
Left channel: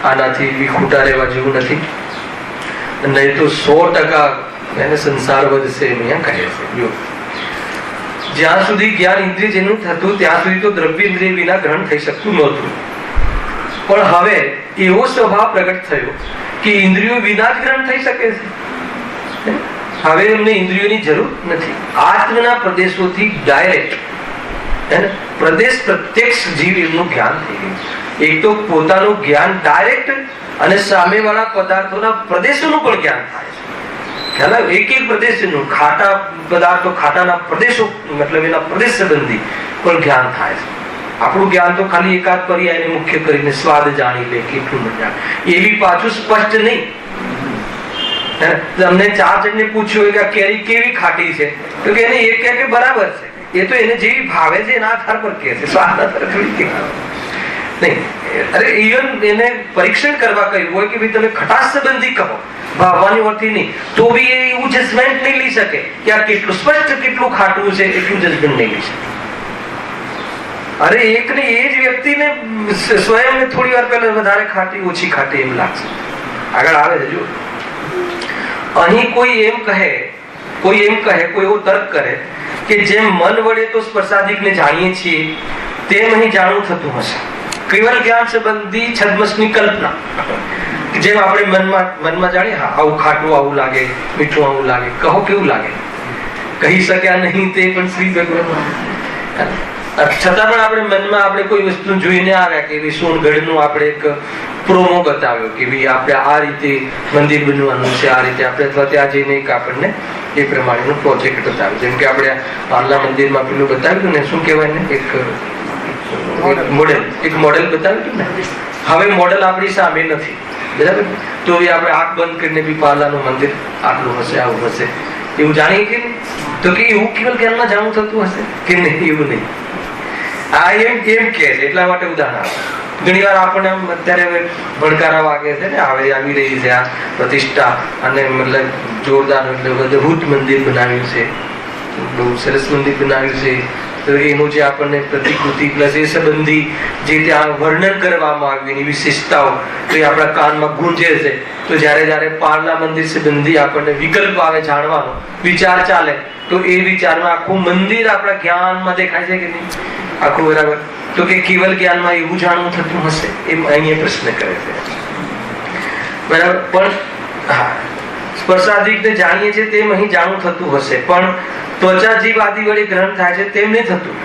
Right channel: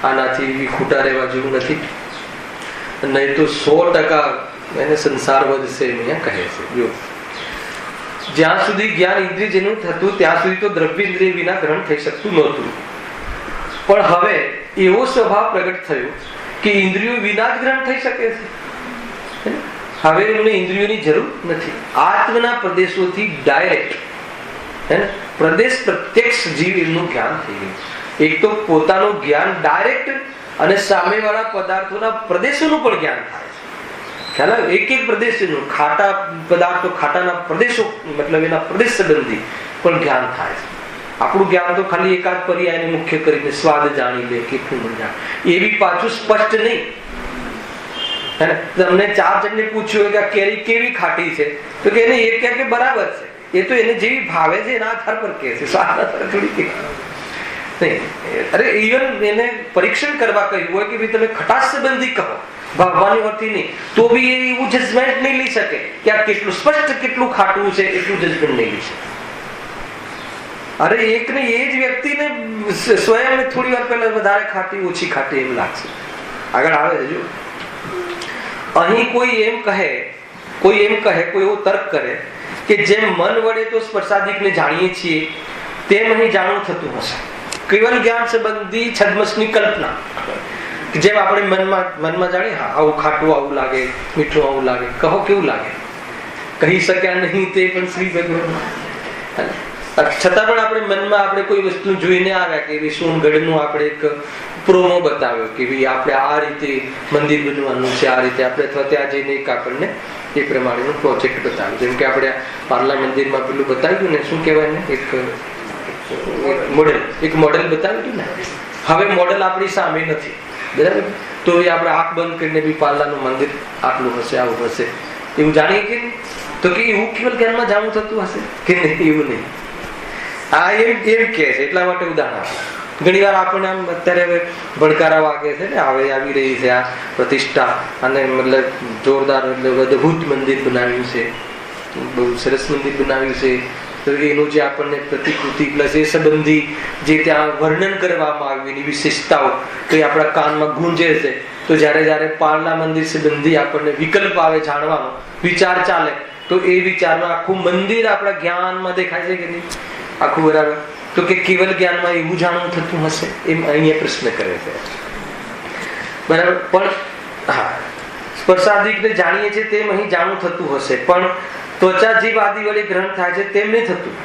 આનાથી ખોટા રહેવા જેવું નથી, નહીં તો 100% એને સંસાર વધશે એમ કહે છે. જો જ્યાં સુધી જ્ઞાન ઇન્દ્રિય જેનું થતું ત્યાં સુધી તો દ્રવ્ય ઇન્દ્રિય વિના ગ્રહણ થઈ શકતું નહોતું, પણ હવે એવો સ્વભાવ પ્રગટ થયો કે ઇન્દ્રિયો વિના જ ગ્રહણ થઈ શકે છે. હવે એમને ઇન્દ્રિયોની જરૂર નથી. આત્મના પ્રદેશોથી ડાયરેક્ટ પ્રદેશ પ્રત્યક્ષ જીવ એમનું જ્ઞાન થઈ ગયું. એક તો પોતાનું જ્ઞાન ડાયરેક્ટ અને સામેવાળા પદાર્થોના પ્રદેશોનું પણ જ્ઞાન થાય છે. ખ્યાલ એક એક પ્રદેશનું ખાટા પદાર્થો ખાટાના પ્રદેશો મતલબ એના પ્રદેશ સંબંધી પણ જ્ઞાન થાય છે. આપણું જ્ઞાન તો ખાલી એકાદ પર્યાયને મુખ્ય કરીને સ્વાદ જાણી લે કેટલું મજા એવી પાછું સ્પષ્ટ નહીં. તમને 4 જણને પૂછ્યું કે આ કેરી કેવી ખાટી છે તો કે એને એક કહે કે બરાબર છે. એ તો એને જેવી ભાવે છે એના આધાર પર કહે છે, સ્વાદ આધાર પર નહીં. અરે ઇવન એને પરીક્ષણ કરવા કહ્યું હોય કે ભાઈ તમે ખટાશ સંબંધી કહો ભાવવાની વર્તી નહીં તો બી એ એવું જજમેન્ટ નહીં લઈ શકે કે આ કેટલું સ્પષ્ટ કેટલું ખાટું છે એટલું જજમેન્ટ નહીં લઈ શકે. અરે એક ને એ જ વ્યક્તિને સ્વયં થોડી વાર પહેલા વધારે ખાટી ઓછી ખાટી એમ લાગશે. આગળ આવે છે જો અહીં કોઈ એમ કહે કોઈ એવો તર્ક કરે કે જેમ મન વડે તો સ્પર્શાદિકને જાણીએ છીએ તેમ અહીં જાણવું થતું હશે. કેવલ જ્ઞાન સંબંધી છદ્મસની કલ્પના, જેમ આપણે મનમાં જાણીએ હા આવું ખાટું આવું લાગે, મીઠું આવું લાગે, કહો કેવું લાગે, કહી શક્યા નહીં તે પણ શ્રી ભગવાન. છતાં પણ આપણે મનમાં આપણે કોઈ વસ્તુ જોઈને આવ્યા કે સોનગઢનું આપણે એક પ્રોમો બતાવ્યો કે ભાઈ આપણે આ રીતે મંદિર બનવાનું છે, આ રીતે આપણે અથવા ત્યાં જઈને એક આપણને એ પ્રમાણેનો પ્રોજેક્ટ બતાવ્યો. જેમ કે આપણે પાર્લા મંદિરમાં પેલું બતાવ્યું ને શું કહેવાય ને એક મોડેલ બતાવ્યું ને. હવે મોડેલ આપણી સામે નથી, બરાબર? તો એ આપણે આંખ બંધ કરીને બી પાર્લાનું મંદિર આટલું હશે આવું હશે એવું જાણીએ કે તો કે એવું કેવલ જ્ઞાનમાં જાણવું થતું હશે કે નહીં? એવું નહીં. આ એમ કે છે એટલા માટે ઉદાહરણ આપે. ઘણી વાર આપણને આમ અત્યારે ભડકારા વાગે છે ને હવે આવી રહી છે આ પ્રતિષ્ઠા અને મતલબ જોરદાર મતલબ અદભુત મંદિર બનાવ્યું છે, બહુ સરસ મંદિર બનાવ્યું છે. તો એનું જે આપણને પ્રતિકૃતિ પ્લસ એ સંબંધી જે ત્યાં વર્ણન કરવામાં આવ્યું એની વિશેષતાઓ તો એ આપણા કાનમાં ગુંજે છે. તો જયારે પાર્લા મંદિર સંબંધી આપણને વિકલ્પ આવે જાણવાનો વિચાર ચાલે તો એ વિચારમાં આખું મંદિર આપણા જ્ઞાનમાં દેખાય છે કે નહીં? આખું બરાબર. તો કે કેવલ જ્ઞાનમાં એવું જાણવું થતું હશે એમ અહીંયા પ્રશ્ન કરે છે, બરાબર? પણ હા સ્પર્શાદિકને જાણીએ છીએ તેમ અહીં જાણવું થતું હશે, પણ ત્વચા જીવ આદિ વડે ગ્રહણ થાય છે તેમ નહીં થતું.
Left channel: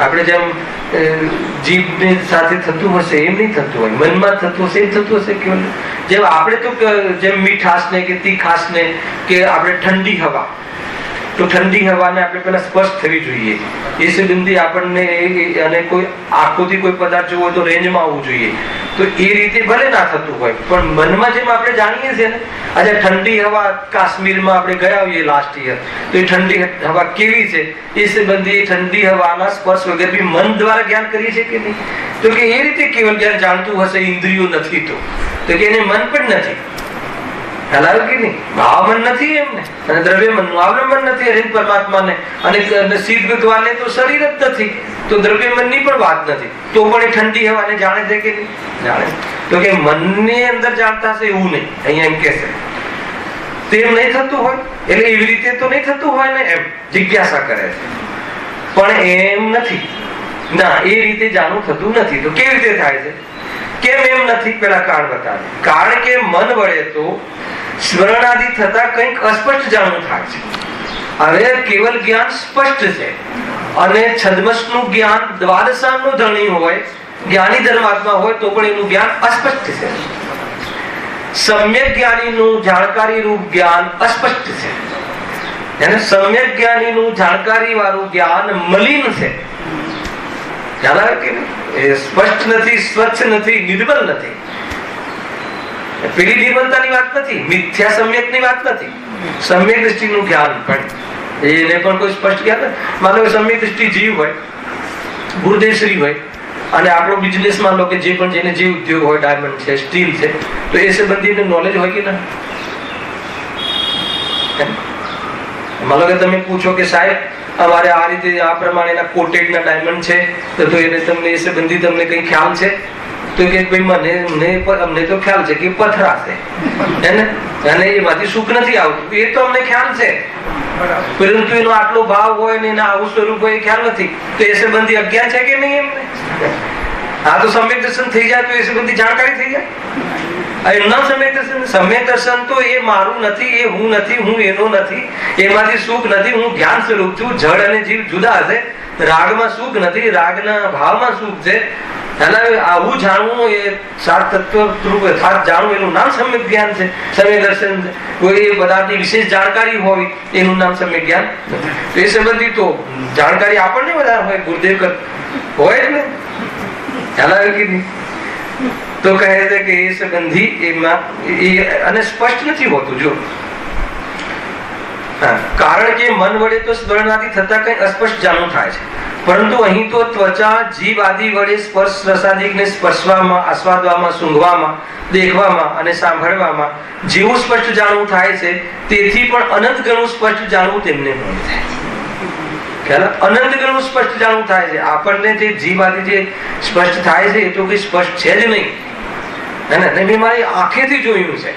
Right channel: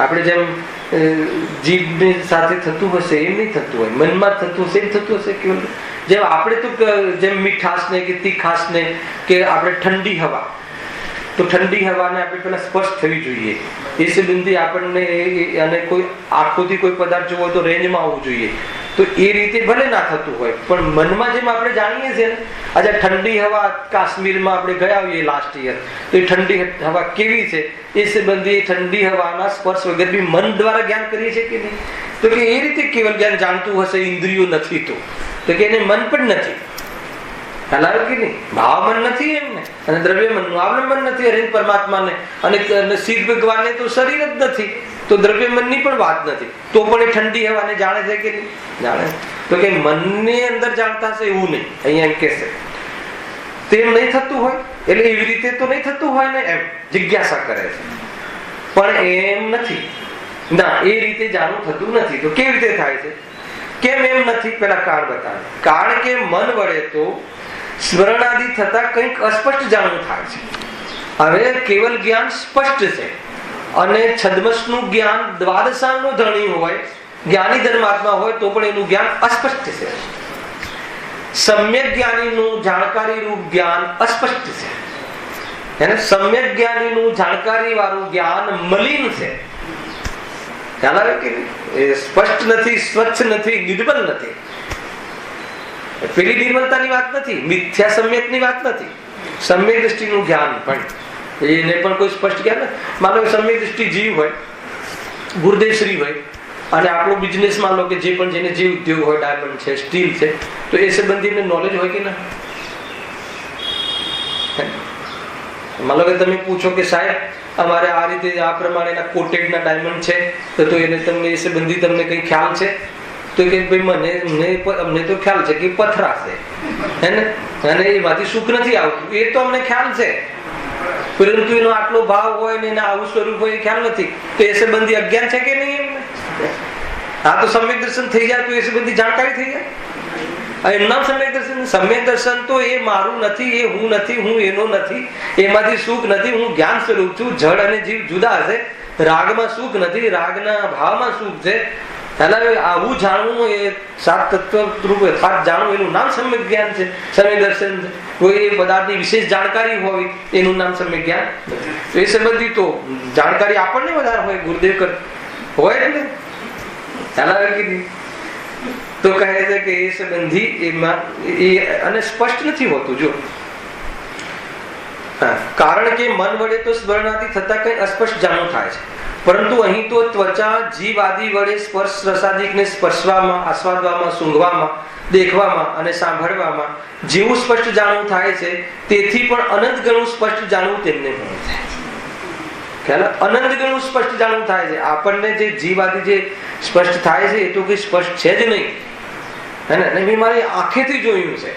આપણે જેમ જીભ સાથે થતું હશે એમ નહીં થતું હોય, મનમાં થતું હશે એમ થતું હશે કેવલ. જેમ આપણે તો જેમ મીઠાશ ને કે તીખાશ ને કે આપણે ઠંડી હવા, તો ઠંડી હવાને આપણે પેલા સ્પર્શ થવી જોઈએ એ સંબંધી આપણને અને કોઈ આંખોથી કોઈ પદાર્થ જોવો તો રેન્જમાં આવવું જોઈએ. તો એ રીતે ભલે ના થતું હોય પણ મનમાં જેમ આપણે જાણીએ છીએ ને આજે ઠંડી હવા કાશ્મીરમાં આપણે ગયા હોઈએ લાસ્ટ યર તો એ ઠંડી હવા કેવી છે એ સંબંધી ઠંડી હવાના સ્પર્શ વગર બી મન દ્વારા જ્ઞાન કરીએ છીએ કે નહીં? તો કે એ રીતે કેવલ જ્ઞાન જાણતું હશે ઇન્દ્રિયો નથી તો કે એને મન પણ નથી. ખ્યાલ કે નહીં? ભાવ મન નથી એમને અને દ્રવ્ય મનનું અવલંબન નથી હરે પરમાત્માને અને શિવ ભગવાનને તો શરીર જ નથી તો દ્રવ્ય મનની પણ વાત નથી તો પણ એ ઠંડી હવાને જાણે છે કે નહીં? જાણે. તો કે મનની અંદર જાણતા હશે એવું નહીં. અહીંયા એમ કે છે તેમ નહીં થતું હોય એટલે એવી રીતે તો નહીં થતું હોય ને એમ જિજ્ઞાસા કરે છે પણ એમ નથી ના એ રીતે જાણવું થતું નથી. તો કેવી રીતે થાય છે? કેમ એમ નથી? પેલા કારણ બતાવે. કારણ કે મન વડે તો સ્મરણ આદિ થતા કંઈક અસ્પષ્ટ જાણવું થાય છે. હવે કેવલ જ્ઞાન સ્પષ્ટ છે અને છદ્મસનું જ્ઞાન દ્વાદશાંગનો ધણી હોય જ્ઞાની ધર્માત્મા હોય તો પણ એનું જ્ઞાન અસ્પષ્ટ છે. સમ્યક જ્ઞાનીનું જાણકારી રૂપ જ્ઞાન અસ્પષ્ટ છે અને સમ્યક જ્ઞાનીનું જાણકારી વાળું જ્ઞાન મલિન છે. ખ્યાલ આવે કે એ સ્પષ્ટ નથી, સ્વચ્છ નથી, નિર્મલ નથી. પેલી નિર્મલતાની વાત નથી, મિથ્યા સમ્યકની વાત નથી. સમ્યક દ્રષ્ટિનું જ્ઞાન પણ એને પણ કોઈ સ્પષ્ટ જ્ઞાન માનો સમ્યક દ્રષ્ટિ જીવ હોય ગુરુદેવશ્રી હોય અને આપણો બિઝનેસમાં લો કે જે પણ જેને જે ઉદ્યોગ હોય, ડાયમંડ છે, સ્ટીલ છે, તો એ સંબંધીને નોલેજ હોય કે ના? માનો કે તમે પૂછો કે સાહેબ અમારે આ રીતે આ પ્રમાણેના કોટેડના ડાયમંડ છે, તો એને તમને એ સંબંધી તમને કઈ ખ્યાલ છે? તો કે ભાઈ અમને તો ખ્યાલ છે કે પથરા છે, હે ને, અને એમાંથી સુખ નથી આવતું, એ તો અમને ખ્યાલ છે, પરંતુ એનો આટલો ભાવ હોય ને એના આવું સ્વરૂપ હોય એ ખ્યાલ નથી. તો એ સંબંધી અજ્ઞાન છે કે નહીં એમને? હા, તો સમ્યક દર્શન થઈ જાય તો એ સંબંધી જાણકારી થઈ જાય. એમના સમ્યક દર્શન તો એ મારું નથી, એ હું નથી, હું એનો નથી, એમાંથી સુખ નથી, હું જ્ઞાન સ્વરૂપ છું. જળ અને જીવ જુદા છે, રાગમાં સુખ નથી, રાગના ભાવમાં સુખ છે. આવું જાણવું એ સાત તત્વ રૂપ યથાર્થ જાણવું એનું નામ સમ્યક જ્ઞાન છે, સમ્યક દર્શન છે. કોઈ એ પદાર્થની વિશેષ જાણકારી હોય એનું નામ સમ્યક જ્ઞાન. એ સંબંધી તો જાણકારી આપણને વધારે હોય, ગુરુદેવ હોય એટલે ખ્યાલ આવે કે નહીં? તો કહે છે કે એ સંબંધી એમાં અને સ્પષ્ટ નથી હોતું. જો કારણ કે મન વડે તો સ્મરણાથી થતા કઈ અસ્પષ્ટ જાણવું થાય છે, પરંતુ અહીં તો ત્વચા જીવ આદિ વડે સ્પર્શ રસાદિકને સ્પર્શવામાં, આસ્વાદવામાં, સૂંઘવામાં, દેખવામાં અને સાંભળવામાં જેવું સ્પષ્ટ જાણવું થાય છે, તેથી પણ અનંત ગણું સ્પષ્ટ જાણવું તેમને મળે છે. અનંત ગણું સ્પષ્ટ જાણવું થાય છે. આપણને જે જીવ આદિ જે સ્પષ્ટ થાય છે એ તો કઈ સ્પષ્ટ છે જ નહીં, હે ને? મેં મારી આંખેથી જોયું છે,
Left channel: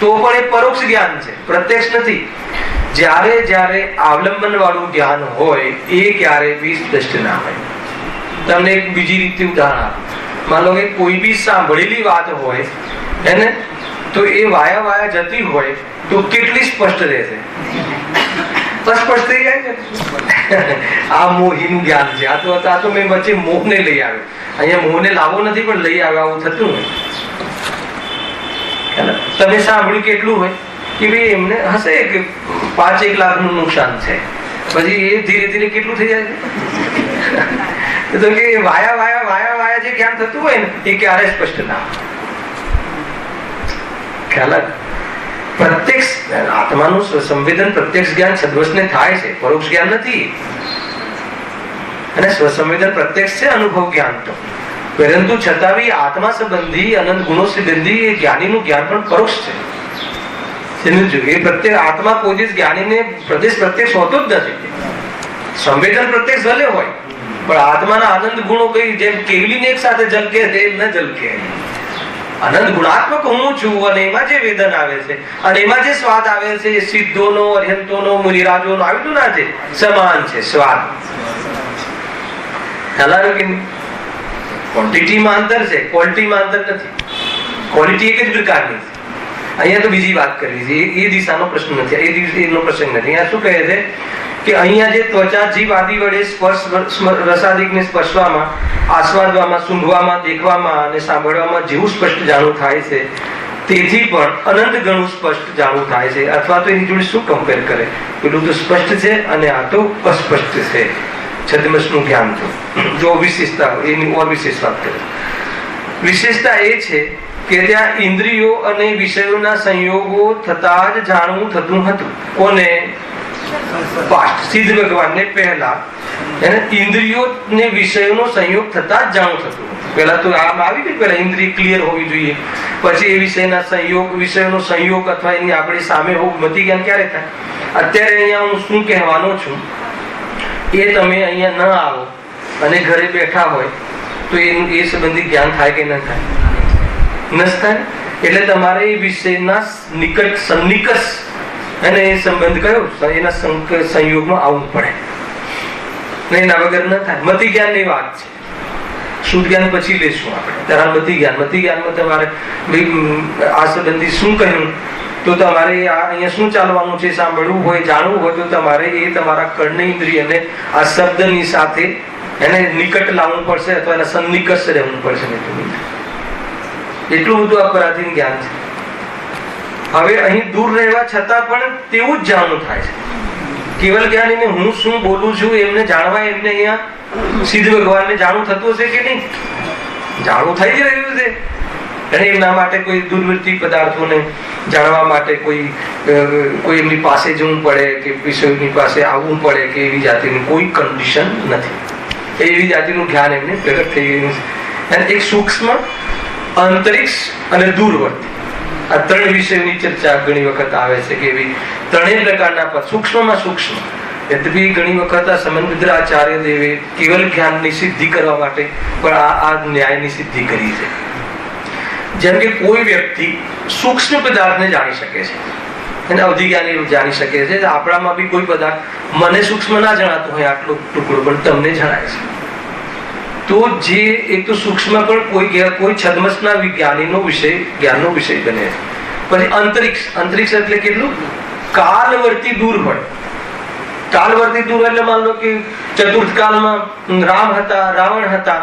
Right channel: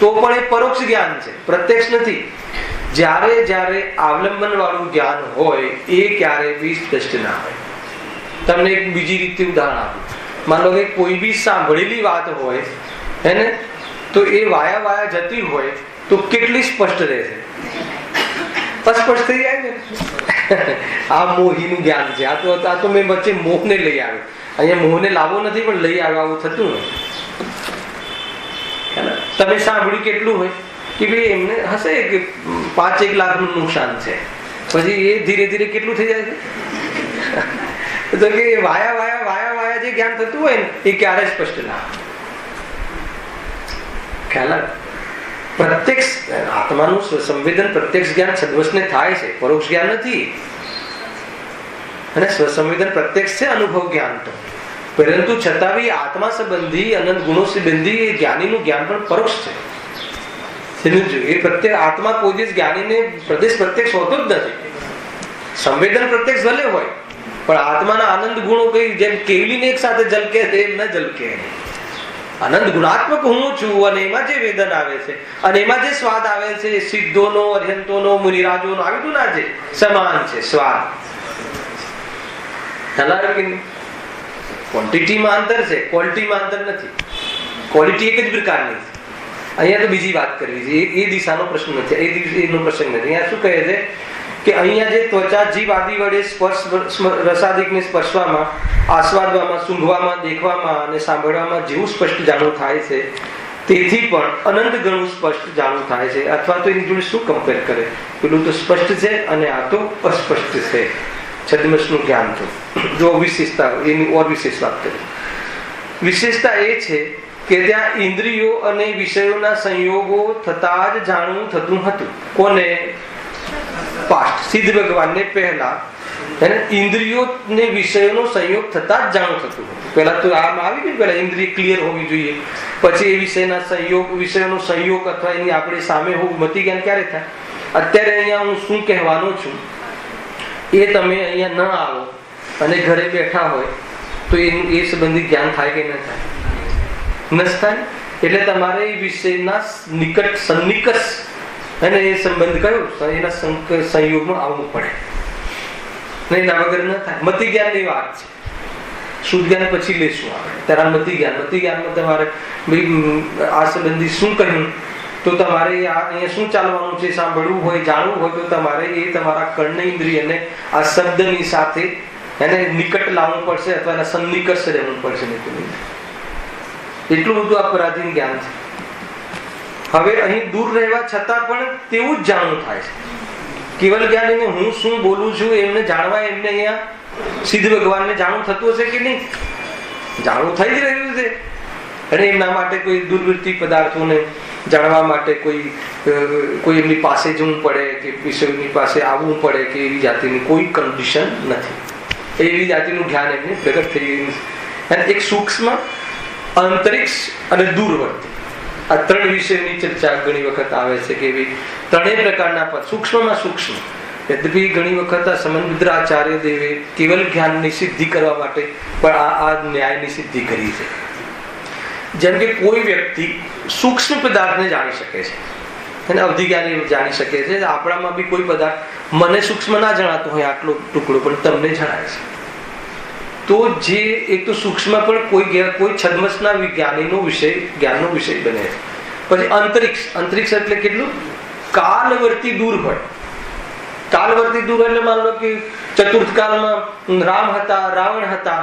તો પણ એ પરોક્ષ જ્ઞાન છે, પ્રત્યક્ષ નથી. જ્યારે જ્યારે અવલંબન વાળું જ્ઞાન હોય એ ક્યારે બી સ્પષ્ટ ના હોય. તમને એક બીજી રીતે ઉદાહરણ આપું. માનો કે કોઈ બી સાંભળેલી વાત હોય, હે ને, તો એ વાયા વાયા જતી હોય તો કેટલી સ્પષ્ટ રહેશે? અસ્પષ્ટ થઈ જાય છે. આ મોહીનું જ્ઞાન છે. આ તો મેં વચ્ચે મોહને લઈ આવ્યો. અહીંયા મોહને લાવવો નથી પણ લઈ આવ્યો, આવું થતું હોય. તમે સાંભળ્યું કેટલું હોય કે ભાઈ એમને હશે કે 5-1 લાખનું નુકસાન છે, પછી એ ધીરે ધીરે કેટલું થઈ જાય છે? તો કે વાયા વાયા વાયા વાયા જે જ્ઞાન થતું હોય ને એ ક્યારે સ્પષ્ટ ના ખ્યાલ. પ્રત્યક્ષ આત્માનું સ્વસંવેદન પ્રત્યક્ષ જ્ઞાન સદવશને થાય છે, પરોક્ષ જ્ઞાન નથી. અને સ્વસંવેદન પ્રત્યક્ષ છે, અનુભવ જ્ઞાન તો, પરંતુ છતાં બી આત્મા સંબંધી અનંત ગુણો સંબંધી એ જ્ઞાનીનું જ્ઞાન પણ પરોક્ષ છે. એ પ્રત્યે આત્મા કોઈ દિવસ જ્ઞાનીને પ્રદેશ પ્રત્યક્ષ હોતો જ નથી. સંવેદન પ્રત્યક્ષ ભલે હોય પણ આત્માના આનંદ ગુણો કઈ જેમ કેવલીને એક સાથે ઝલકે તે ન ઝલકે. અનંત ગુણાત્મક હું છું અને એમાં જે વેદન આવે છે અને એમાં જે સ્વાદ આવે છે સિદ્ધોનો, અર્યંતોનો, મુનિરાજોનો આવ્યું ના છે, સમાન છે સ્વાદ. ક્વોન્ટિટીમાં અંતર છે, ક્વોલિટીમાં અંતર નથી. ક્વોલિટી એક જ પ્રકારની. અહીંયા તો બીજી વાત કરવી છે, એ દિશાનો પ્રશ્ન નથી, એનો પ્રસંગ નથી. અહીંયા શું કહે છે કે અહીંયા જે ત્વચા જીવ આદિ વડે સ્પર્શ રસાદિકને સ્પર્શવામાં, આસ્વાદવામાં, સૂંઘવામાં, દેખવામાં અને સાંભળવામાં જેવું સ્પષ્ટ જાણવું થાય છે, તેથી પણ અનંત ગણું સ્પષ્ટ જાણવું થાય છે. અથવા તો એની જોડે શું કમ્પેર કરે? પેલું તો સ્પષ્ટ છે અને આ તો અસ્પષ્ટ છે. છદ્મસનું જ્ઞાન જો વિશેષતા એની ઓર વિશેષ વાત કરે. વિશેષતા એ છે કે ત્યાં ઇન્દ્રિયો અને વિષયોના સંયોગો થતા જ જાણવું થતું હતું. કોને? પાસ્ટ સિદ્ધ ભગવાનને પહેલા ઇન્દ્રિયો ને વિષયોનો સંયોગ થતા જ જાણવું થતું. પહેલા તો આમ આવી ગયું, પહેલા ઇન્દ્રિય ક્લિયર હોવી જોઈએ, પછી એ વિષયના સંયોગ, વિષયનો સંયોગ અથવા એની આપણી સામે હોવું. મતિ જ્ઞાન ક્યારે થાય? અત્યારે અહીંયા હું શું કહેવાનો છું એ તમે અહીંયા ન આવો અને ઘરે બેઠા હોય તો એનું એ સંબંધી જ્ઞાન થાય કે ન થાય? ન થાય. એટલે તમારે એ વિષયના નિકટ સન્નિકટ અને એ સંબંધ કયો એના સંયોગમાં આવવું પડે, નહીં એના વગર ન થાય. મતિ જ્ઞાન ની વાત છે, શુદ્ધ જ્ઞાન પછી લેશું આપણે. ત્યારે મતિ જ્ઞાનમાં તમારે આ સંબંધી શું કહ્યું તો તમારે અહીંયા શું ચાલવાનું છે સાંભળવું હોય, જાણવું હોય તો તમારે એ તમારા કર્ણેન્દ્રિયને આ શબ્દની સાથે એને નિકટ લાવવું પડશે અથવા એના સન્નિકટ રહેવું પડશે. એટલું બધું અપરાધીન જ્ઞાન છે. હવે અહીં દૂર રહેવા છતાં પણ તેવું જ જાણવું થાય છે. કેવલ જ્ઞાનીને હું શું બોલું છું એમને જાણવા, એમને અહીંયા સિદ્ધ ભગવાનને જાણવું થતું હશે કે નહીં? જાણવું થઈ જ રહ્યું છે. અને એમના માટે કોઈ દુર્વૃત્તિ પદાર્થોને જાણવા માટે કોઈ એમની પાસે જવું પડે કે વિષયોની પાસે આવવું પડે કે એવી જાતિની કોઈ કન્ડિશન નથી. એવી જાતિનું જ્ઞાન એમને પ્રગટ થઈ ગયું છે. અને એક સૂક્ષ્મ, અંતરિક્ષ અને દૂરવર્તી, આ ત્રણ વિષયની ચર્ચા ઘણી વખત આવે છે કે એવી ત્રણેય પ્રકારના પદ. સૂક્ષ્મમાં સૂક્ષ્મ, યદ્યપિ ઘણી વખત આ સમંતરાચાર્ય દેવે કેવલ જ્ઞાનની સિદ્ધિ કરવા માટે પણ આ ન્યાયની સિદ્ધિ કરી છે. જેમ કે કોઈ વ્યક્તિ સૂક્ષ્મ પદાર્થને જાણી શકે છે, એને અવધિજ્ઞાની જાણી શકે છે. આપણામાં બી કોઈ પદાર્થ મને સૂક્ષ્મ ના જણાતો હોય, આટલો ટુકડો પણ તમને જણાય છે. તો જે એક તો સૂક્ષ્મ પણ કોઈ છદ્મસના જ્ઞાનનો વિષય બને. પછી અંતરિક્ષ, અંતરિક્ષ એટલે કેટલું કાલવર્તી દૂર હોય. કાલવર્તી દૂર એટલે માન લો કે ચતુર્થ કાળમાં રામ હતા, રાવણ હતા,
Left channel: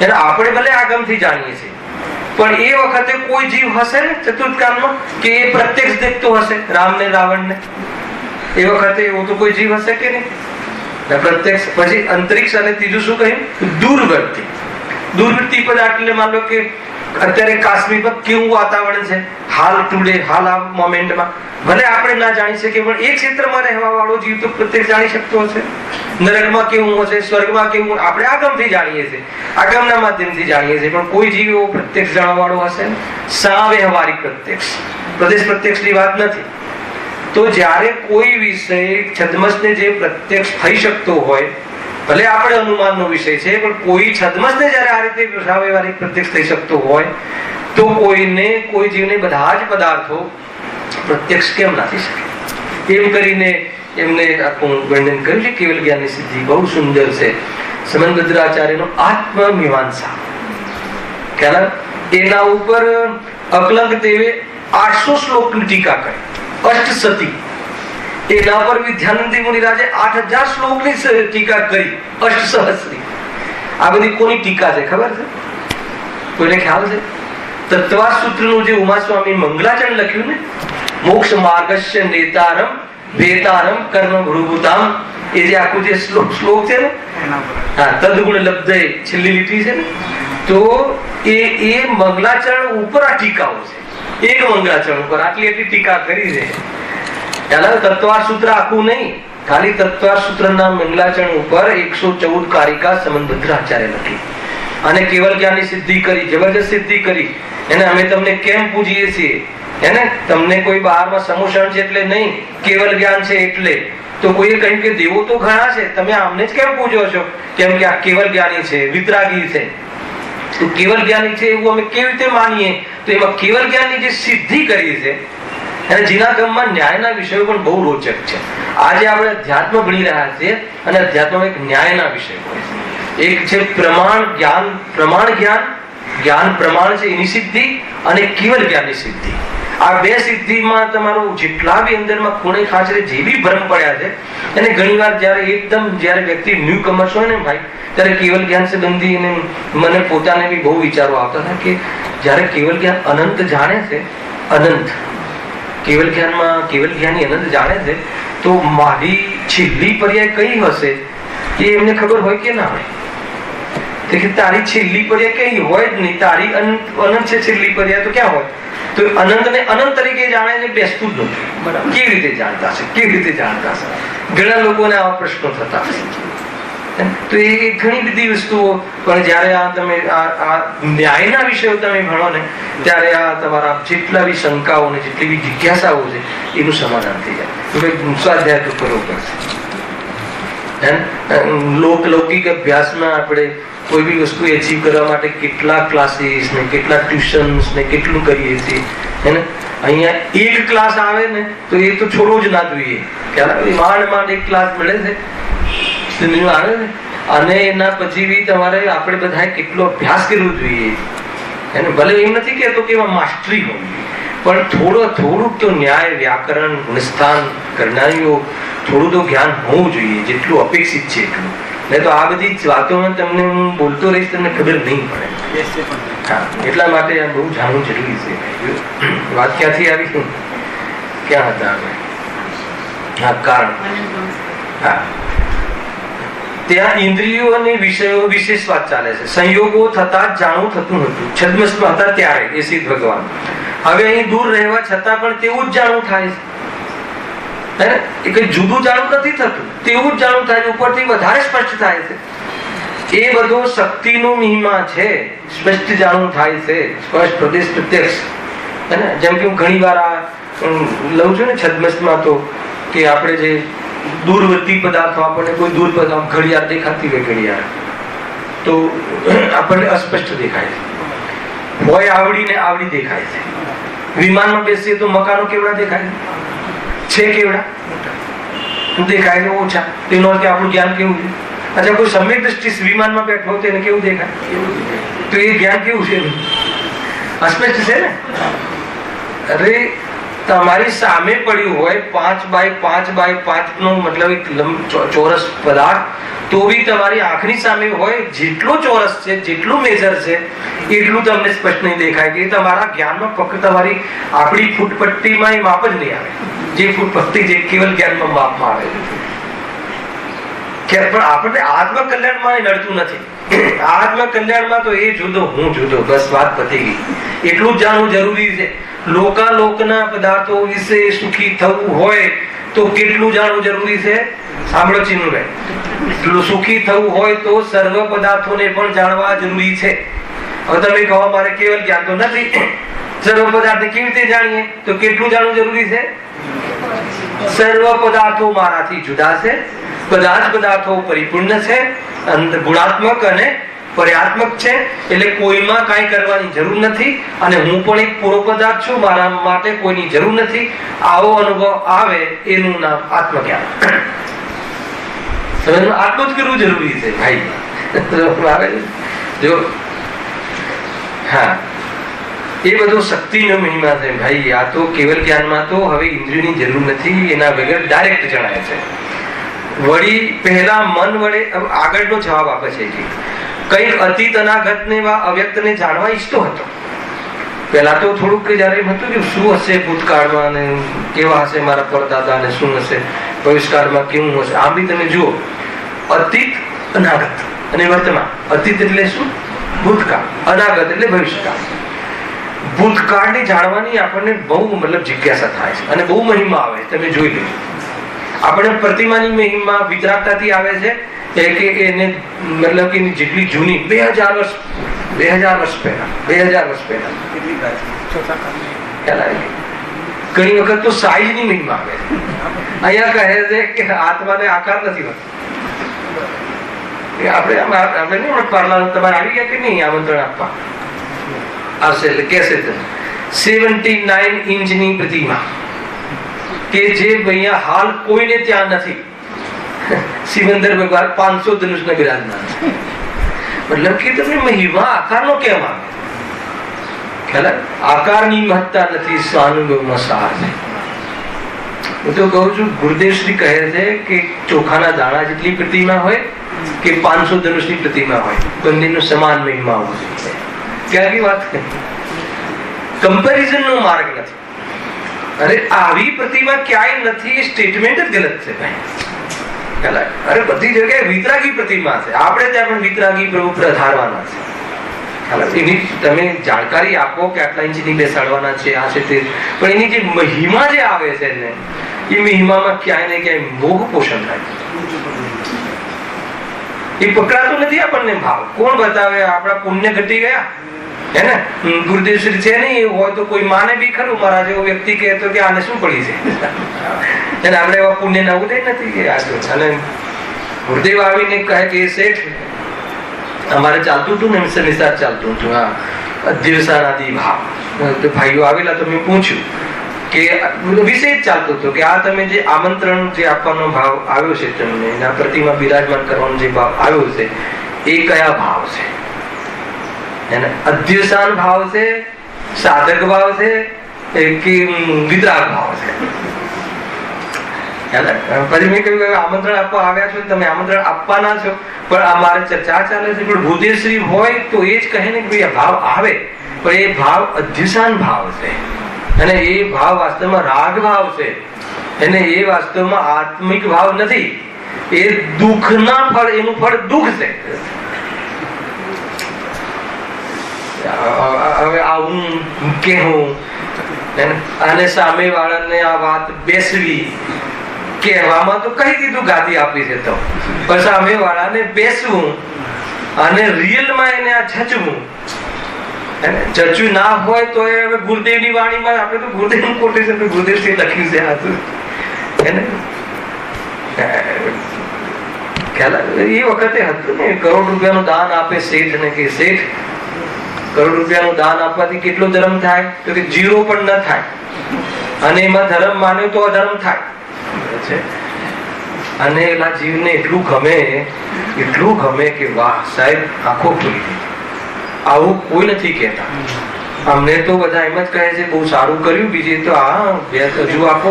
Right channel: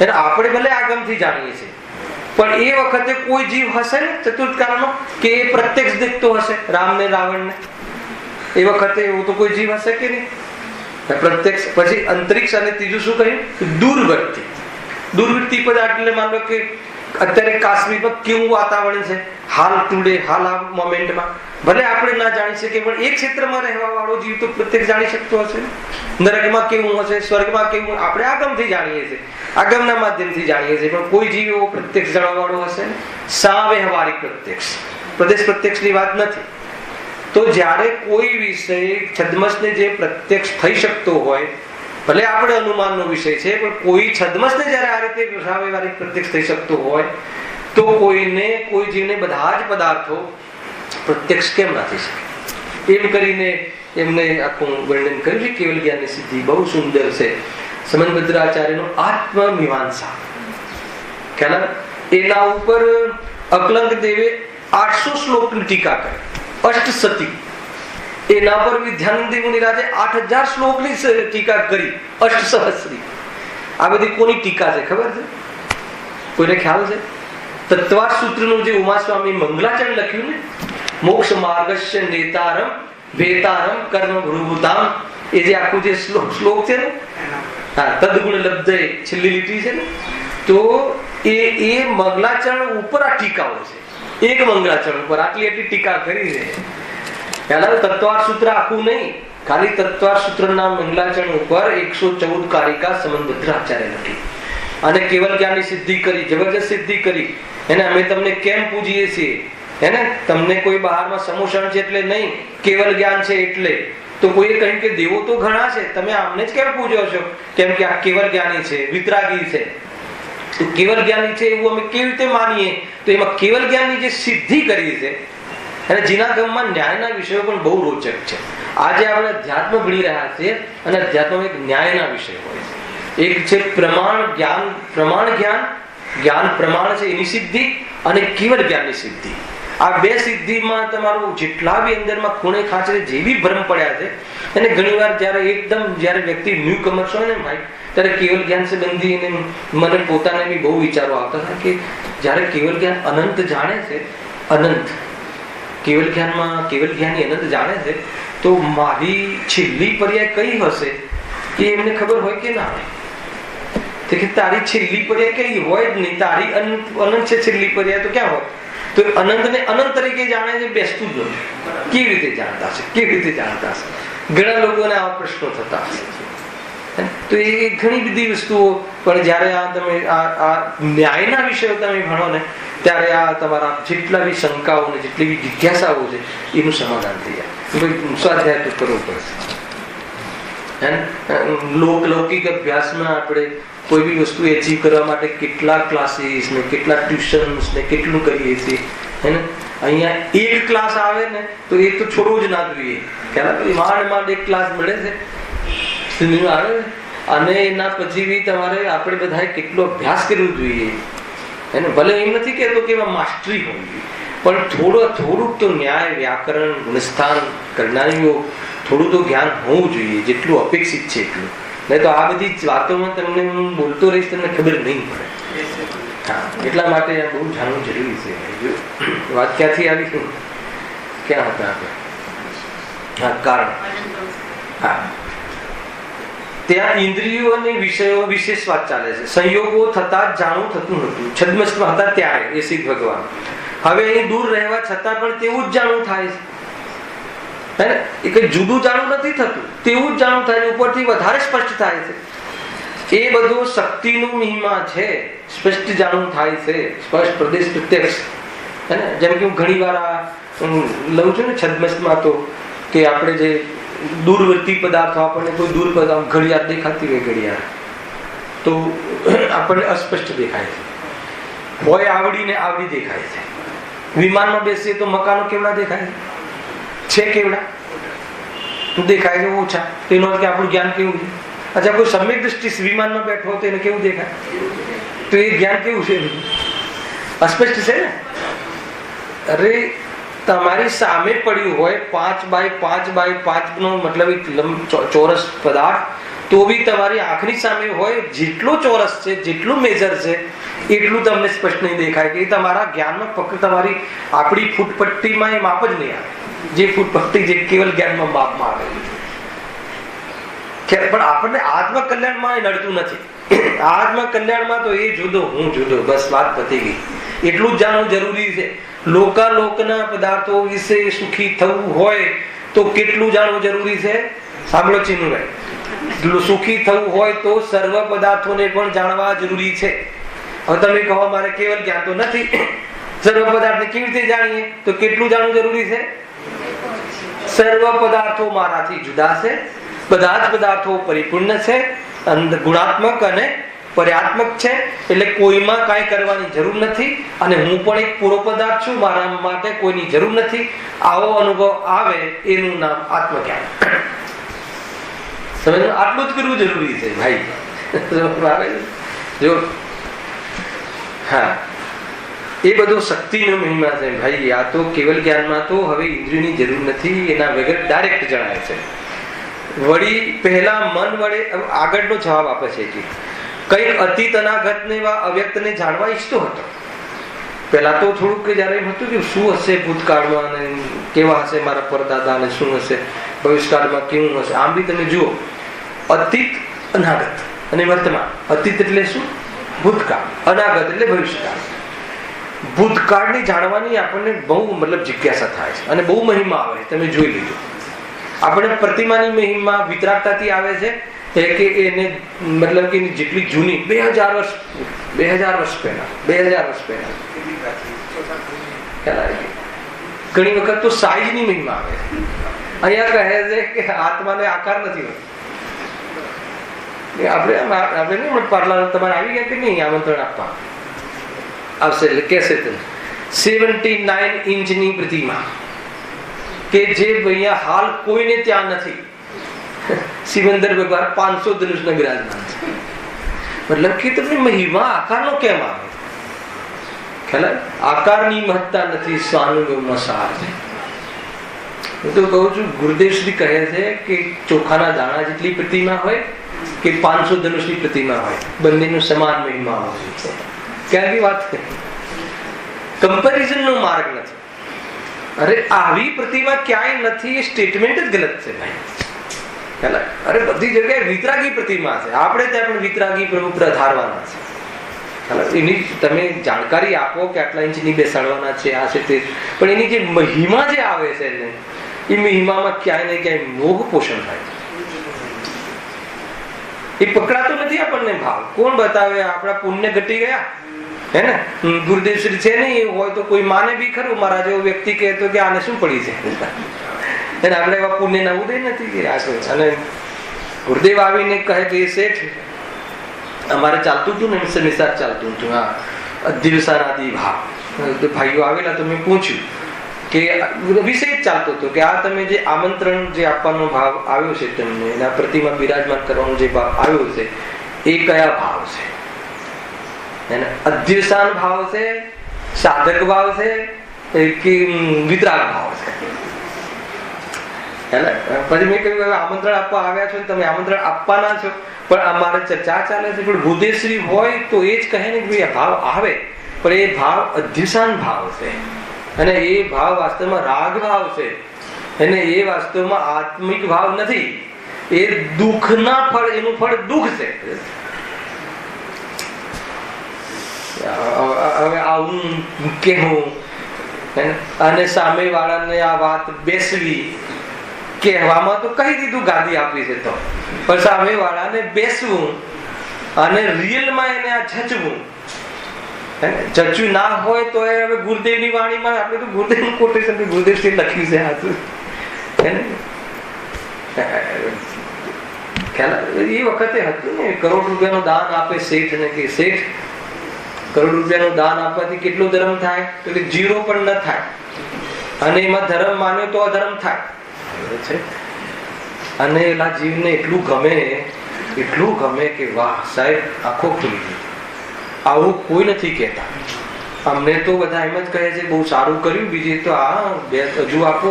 એને આપણે ભલે આગમથી જાણીએ છીએ, પણ એ વખતે કોઈ જીવ હશે ને ચતુર્થ કાળમાં કે એ પ્રત્યક્ષ દેખતો હશે રામ ને રાવણ ને, એ વખતે એવો તો કોઈ જીવ હશે કે નહીં, પ્રત્યક્ષ. પછી અંતરિક્ષ અને ત્રીજું શું કહ્યું? દૂરવર્તી. દૂરવર્તી પદાર્થ એટલે માન લો કે અત્યારે કાશ્મીરમાં કેવું વાતાવરણ છે હાલ ટુડે, હાલ આ મોમેન્ટમાં, ભલે આપણે ના જાણી શકીએ પણ એક ક્ષેત્રમાં રહેવા વાળો જીવ તો પ્રત્યેક જાણી શકતો હશે. નરકમાં કેવું હશે, સ્વર્ગમાં કેવું, આપણે આગમથી જાણીએ છીએ, આગમના માધ્યમથી જાણીએ છીએ, પણ કોઈ જીવ એવો પ્રત્યક્ષ જાણવા વાળો હશે ને? સાવ્યવહારિક પ્રત્યક્ષ, પ્રદેશ પ્રત્યક્ષની વાત નથી. તો જ્યારે કોઈ વિષય છદ્મસને જે પ્રત્યક્ષ થઈ શકતો હોય, ભલે આપણે અનુમાનનો વિષય છે, પણ કોઈ છદ્મસને જ્યારે આ રીતે સાવ્યવહારિક પ્રત્યક્ષ થઈ શકતો હોય, તો કોઈ જીવને બધા જ પદાર્થો પ્રત્યક્ષ કેમ ના થઈ શકે? એમ કરીને એમને આખું વર્ણન કર્યું છે. કેવલ જ્ઞાનની સિદ્ધિ બહુ સુંદર છે. સમંતરાચાર્યનો આત્મમીમાંસા, એના ઉપર અકલંક દેવે 800 શ્લોકની ટીકા કરી, અષ્ટસતી. એના પર વિદ્યાનંદી મુનિરાજે 8000 શ્લોકની ટીકા કરી, અષ્ટસહસ્રી. આ બધી કોની ટીકા છે ખબર છે? કોઈને ખ્યાલ છે? તત્વાર સૂત્રનું જે ઉમાસ્વામી મંગલાચરણ લખ્યું ને, મોક્ષ માર્ગસ્ય નેતારમ વેતારમ કર્મ ભૃભુતામ, એ જે આખું જે શ્લોક છે ને, હા, તદગુણ લબ્ધે છેલ્લી લીટી છે ને, તો એ મંગલાચરણ ઉપર આ ટીકાઓ છે. એક મંગલાચરણ ઉપર આટલી ટીકા કરી છે. તત્વાર સૂત્ર આખું નહીં, ખાલી તત્વાર સૂત્રના મંગલાચરણ ઉપર 114 કારિકા સમંતરાચાર્ય લખી અને કેવલ જ્ઞાનની સિદ્ધિ કરી, જબરજસ્ત સિદ્ધિ કરી. એને અમે તમને કેમ પૂજીએ છીએ? એને તમને કોઈ બહારમાં સમોષણ છે એટલે નહીં, કેવલ જ્ઞાન છે એટલે. તો કોઈએ કહ્યું કે દેવો તો ઘણા છે, તમે આમને જ કેમ પૂજો છો? કેમ કે આ કેવલ જ્ઞાની છે, વિતરાગી છે. તો કેવલ જ્ઞાની છે એવું અમે કેવી રીતે માનીએ? તો એમાં કેવલ જ્ઞાનની જે સિદ્ધિ કરી છે, અને જીનાગમમાં ન્યાયના વિષયો પણ બહુ રોચક છે. આજે આપણે અધ્યાત્મ ભણી રહ્યા છીએ અને અધ્યાત્મમાં એક ન્યાયના વિષય હોય છે. એક છે પ્રમાણ જ્ઞાન, પ્રમાણ જ્ઞાન, જ્ઞાન પ્રમાણ છે એની સિદ્ધિ, અને કેવલ જ્ઞાનની સિદ્ધિ. આ બે સિદ્ધિમાં તમારું જેટલા બી અંદરમાં ખૂણે ખાંચરે જે બી ભ્રમ પડ્યા છે, એને ઘણીવાર જ્યારે વ્યક્તિ ન્યુ કમર્સ હોય ને ભાઈ, ત્યારે કેવલ જ્ઞાન સંબંધી એને મને પોતાને બી બહુ વિચારો આવતા હતા કે જ્યારે કેવલ જ્ઞાન અનંત જાણે છે, અનંત કેવલ જ્ઞાની અનંત જાણે છે, તો મારી છેલ્લી પર્યાય કઈ હશે એ એમને ખબર હોય કે ના હોય? તારી છેલ્લી પર્યાય કઈ હોય જ નહીં, તારી અનંત છે છેલ્લી પર્યાય તો ક્યાં હોય? તો અનંત ને અનંત તરીકે જાણે છે, બેસતું જ નથી. કેવી રીતે જાણતા છે? કેવી રીતે જાણતા છે? ઘણા લોકોને આવા પ્રશ્નો થતા હશે. તો એ ઘણી બધી વસ્તુઓ, પણ જયારે આ તમે આ ન્યાયના વિષયો તમે ભણો ને, ત્યારે આ તમારા જેટલા બી શંકાઓ ને જેટલી બી જિજ્ઞાસાઓ છે એનું સમાધાન થઈ જાય. સ્વાધ્યાય તો કરવો પડશે. લૌકિક અભ્યાસમાં આપણે કોઈ બી વસ્તુ એચીવ કરવા માટે કેટલા ક્લાસીસ ને કેટલા ટ્યુશન્સ ને કેટલું કરીએ છીએ. અહીંયા એક ક્લાસ આવે ને તો એ તો છોડવો જ ના જોઈએ. માંડ એક ક્લાસ મળે છે આવે ને, અને એના પછી બી તમારે આપણે બધા કેટલો અભ્યાસ કરવો જોઈએ. એને ભલે એમ નથી કહેતો કે એમાં માસ્ટરી હોવી જોઈએ, પણ થોડુંક તો ન્યાય, વ્યાકરણ, ગુણસ્થાન કરનારીઓ થોડું તો જ્ઞાન હોવું જોઈએ, જેટલું અપેક્ષિત છે એટલું. નહીં તો આ બધી વાતોમાં તમને હું બોલતો રહીશ, તમને ખબર નહીં પડે. હા, એટલા માટે આ બહુ જાણવું જરૂરી છે. વાત ક્યાંથી આવી? ક્યાં હતા આપણે? હા, કારણ. હા, ત્યાં ઇન્દ્રિયો અને વિષયો વિશેષ વાત ચાલે છે. સંયોગો થતા જાણવું થતું હતું. છદ્મસમાં હતા ત્યારે એ સિદ્ધ ભગવાન. હવે અહીં દૂર રહેવા છતાં પણ તેવું જ જાણવું થાય છે. એ કઈ જુદું જાણવું નથી થતું, તેવું જ જાણવું થાય છે. ઉપરથી વધારે સ્પષ્ટ થાય છે. એ બધું શક્તિનું મહિમા છે, સ્પષ્ટ જાણવું થાય છે, સ્પષ્ટ પ્રદેશ પ્રત્યક્ષ. જેમ કે હું ઘણી વાર લઉં છું ને છદ્મસમાં તો કે આપણે જે દૂરવર્તી પદાર્થો, આપણને કોઈ દૂર પદાર્થ ઘડિયાળ દેખાતી હોય, ઘડિયાળ તો આપણને અસ્પષ્ટ દેખાય છે, હોય આવડીને આવડી દેખાય છે. વિમાનમાં બેસીએ તો મકાનો કેવડા દેખાય છે, કેવડા દેખાય ને ઓછા. તેનો અર્થ આપણું જ્ઞાન કેવું છે? અચ્છા, કોઈ સમ્યક દ્રષ્ટિ વિમાનમાં બેઠો હોય તેને કેવું દેખાય? તો એ જ્ઞાન કેવું છે? અસ્પષ્ટ છે ને. અરે તમારી સામે પડ્યું હોય 5x5x5 નો મતલબ એક ચોરસ પદાર્થ, તો બી તમારી આંખની સામે હોય, જેટલો ચોરસ છે, જેટલું મેજર છે, એટલું તમને સ્પષ્ટ નહીં દેખાય. કે તમારા જ્ઞાનમાં ફક્ત તમારી આપણી ફૂટપટ્ટીમાં એ માપ જ નહીં આવે, જે ફૂટપટ્ટી જે કેવલ જ્ઞાનમાં માપમાં આવે. પણ આપણને આત્મકલ્યાણમાં એ નડતું નથી. આત્મકલ્યાણમાં તો એ જુદો, હું જુદો, બસ વાત પતી ગઈ. એટલું જ જાણવું જરૂરી છે. લોકના પદાર્થો વિશે સુખી થવું હોય તો કેટલું જાણવું જરૂરી છે? સાંભળો ચિન્મય, સુખી થવું હોય તો સર્વ પદાર્થોને પણ જાણવા જરૂરી છે. હવે તમે કહો મારે કેવલ જ્ઞાન તો નથી, સર્વ પદાર્થને કેવી રીતે જાણીએ? તો કેટલું જાણવું જરૂરી છે? સર્વ પદાર્થો મારાથી જુદા છે, બધા જ પદાર્થો પરિપૂર્ણ છે, ગુણાત્મક અને પર્યાત્મક છે, એટલે કોઈમાં કાંઈ કરવાની જરૂર નથી, અને હું પણ એક પૂરો પદાર્થ છું, મારા માટે કોઈની જરૂર નથી. આવો અનુભવ આવે એનું નામ આત્મજ્ઞાન. આટલું જ કરવું જરૂરી છે ભાઈ. જો હા, એ બધો શક્તિનો મહિમા છે ભાઈ. આ તો કેવલ જ્ઞાનમાં તો હવે ઇન્દ્રિયની જરૂર નથી, એના વગર ડાયરેક્ટ જણાય છે. વળી પહેલા મન વડે આગળનો જવાબ આપે છે કે કઈ અતીત અનાગત ને અવ્યક્તને જાણવા ઈચ્છતો હતો. પહેલા તો થોડુંક જયારે એમ હતું કે શું હશે ભૂતકાળમાં, ને કેવા હશે મારા પરદાદા, ને શું હશે ભવિષ્યકાળમાં, કેવું હશે. આમ બી તમે જુઓ, અતીત, અનાગત અને વર્તમાન. અતીત એટલે શું? ભૂતકાળ. અનાગત એટલે ભવિષ્યકાળ. ભૂતકાળને જાણવાની આપણને બહુ મતલબ જિજ્ઞાસા થાય છે, અને બહુ મહિમા આવે. તમે જોઈ લેજો, આપણે પ્રતિમાની મહિમા વિતરાગતાથી આવે છે કે એને મતલબ કે જેટલી જૂની 2000 વર્ષ પહેલા ઘણી વખત તો સાઈઝની મહિમા આવે. અહીંયા કહે છે કે આત્માને આકાર નથી હોતો. આપણે પરલા તમારે આવી ગયા કે નહીં આમંત્રણ આપવા આવશે એટલે કેસે 79 ઇંચની પ્રતિમા કે જે અહીંયા હાલ કોઈને ત્યાં નથી. સિમંદર ભગવાન 500 ધનુષને બિરાજમાન છે. મતલબ કે તમને મહિમા આકારનો કેમ આવે? ખ્યાલ? આકારની મહત્તા નથી, સ્વાનુભવમાં સાર છે. હું તો કહું છું, ગુરુદેવ શ્રી કહે છે કે ચોખાના દાણા જેટલી પ્રતિમા હોય કે 500 ધનુષની પ્રતિમા હોય, બંનેનો સમાન મહિમા હોય છે. ક્યાંની વાત કરી? કમ્પેરિઝન નો માર્ગ નથી. અરે આવી પ્રતિમા ક્યાંય નથી, એ સ્ટેટમેન્ટ જ ગલત છે ભાઈ. અરે બધી જગ્યાએ વિતરાગી પ્રતિમા છે, આપણે ત્યાં પણ વિતરાગી પ્રભુ ધારવાના છે. એની તમે જાણકારી આપો કે આટલા ઇંચની બેસાડવાના છે, આ છે તે, પણ એની જે મહિમા જે આવે છે ને, એ મહિમામાં ક્યાંય ને ક્યાંય મોહ પોષણ થાય. એ પકડાતો નથી આપણને ભાવ. કોણ બતાવે? આપણા પુણ્ય ઘટી ગયા હે ને. ગુરુદેવ શ્રી છે નહીં હોય તો કોઈ માને બી ખરું. મારા જેવો વ્યક્તિ કહેતો કે આને શું પડી છે, એને આપણે એવા પુણ્ય ના ઉદય નથી કે આગળ. અને ગુરુદેવ આવીને કહે કે શેઠ અમારે ચાલતું હતું ને, નિસાર ચાલતું હતું, હા, અધ્યવસાનાદિ ભાવ. ભાઈઓ આવેલા તો મેં પૂછ્યું કે વિષય ચાલતો હતો કે આ તમે જે આમંત્રણ જે આપવાનો ભાવ આવ્યો છે તમને, એના પ્રતિમા બિરાજમાન કરવાનો જે ભાવ આવ્યો છે, એ કયા ભાવ છે? એને અધ્યવસાન ભાવ છે, સાધક ભાવ છે કે વિતરાગ ભાવ છે? પછી મેં કહ્યું આમંત્રણ આપવા આવ્યા છો, તમે આમંત્રણ આપવાના છો, પણ અમારે ચર્ચા ચાલે છે. પણ ભૂદેશ્રી હોય તો એ જ કહે ને કે ભાવ આવે, પણ એ ભાવ અધ્યવસાન ભાવ છે, અને એ ભાવ વાસ્તવમાં રાગ ભાવ છે, અને એ વાસ્તવમાં આત્મિક ભાવ નથી. એ દુઃખના ફળ, એનું ફળ દુઃખ છે. હવે આવું કહેવું અને સામે વાળાને આ વાત બેસવી, કહેવામાં તો કહી દીધું ગાદી આપી છે તો, પણ સામે વાળાને બેસવું અને રિયલમાં એને આ જચવું, જચ્યું ના હોય તો એ હવે ગુરુદેવની વાણીમાં આપણે તો ગુરુદેવનું કોટેશન ગુરુદેવથી લખ્યું છે આ તો એને ખ્યાલ એ વખતે હતું ને, કરોડ રૂપિયાનું દાન આપે શેઠ ને કે શેઠ કરોડ રૂપિયાનું દાન આપવાથી કેટલો ધર્મ થાય? તો કે 0 પણ ન થાય, અને એમાં ધર્મ માને તો અધર્મ થાય છે. અને એના જીવને એટલું ગમે કે વાહ સાહેબ આંખો ખુલી ગઈ. આવું કોઈ નથી કહેતા. અમને તો બધા એમ જ કહે છે બહુ સારું કર્યું, બીજી તો હા હજુ આપો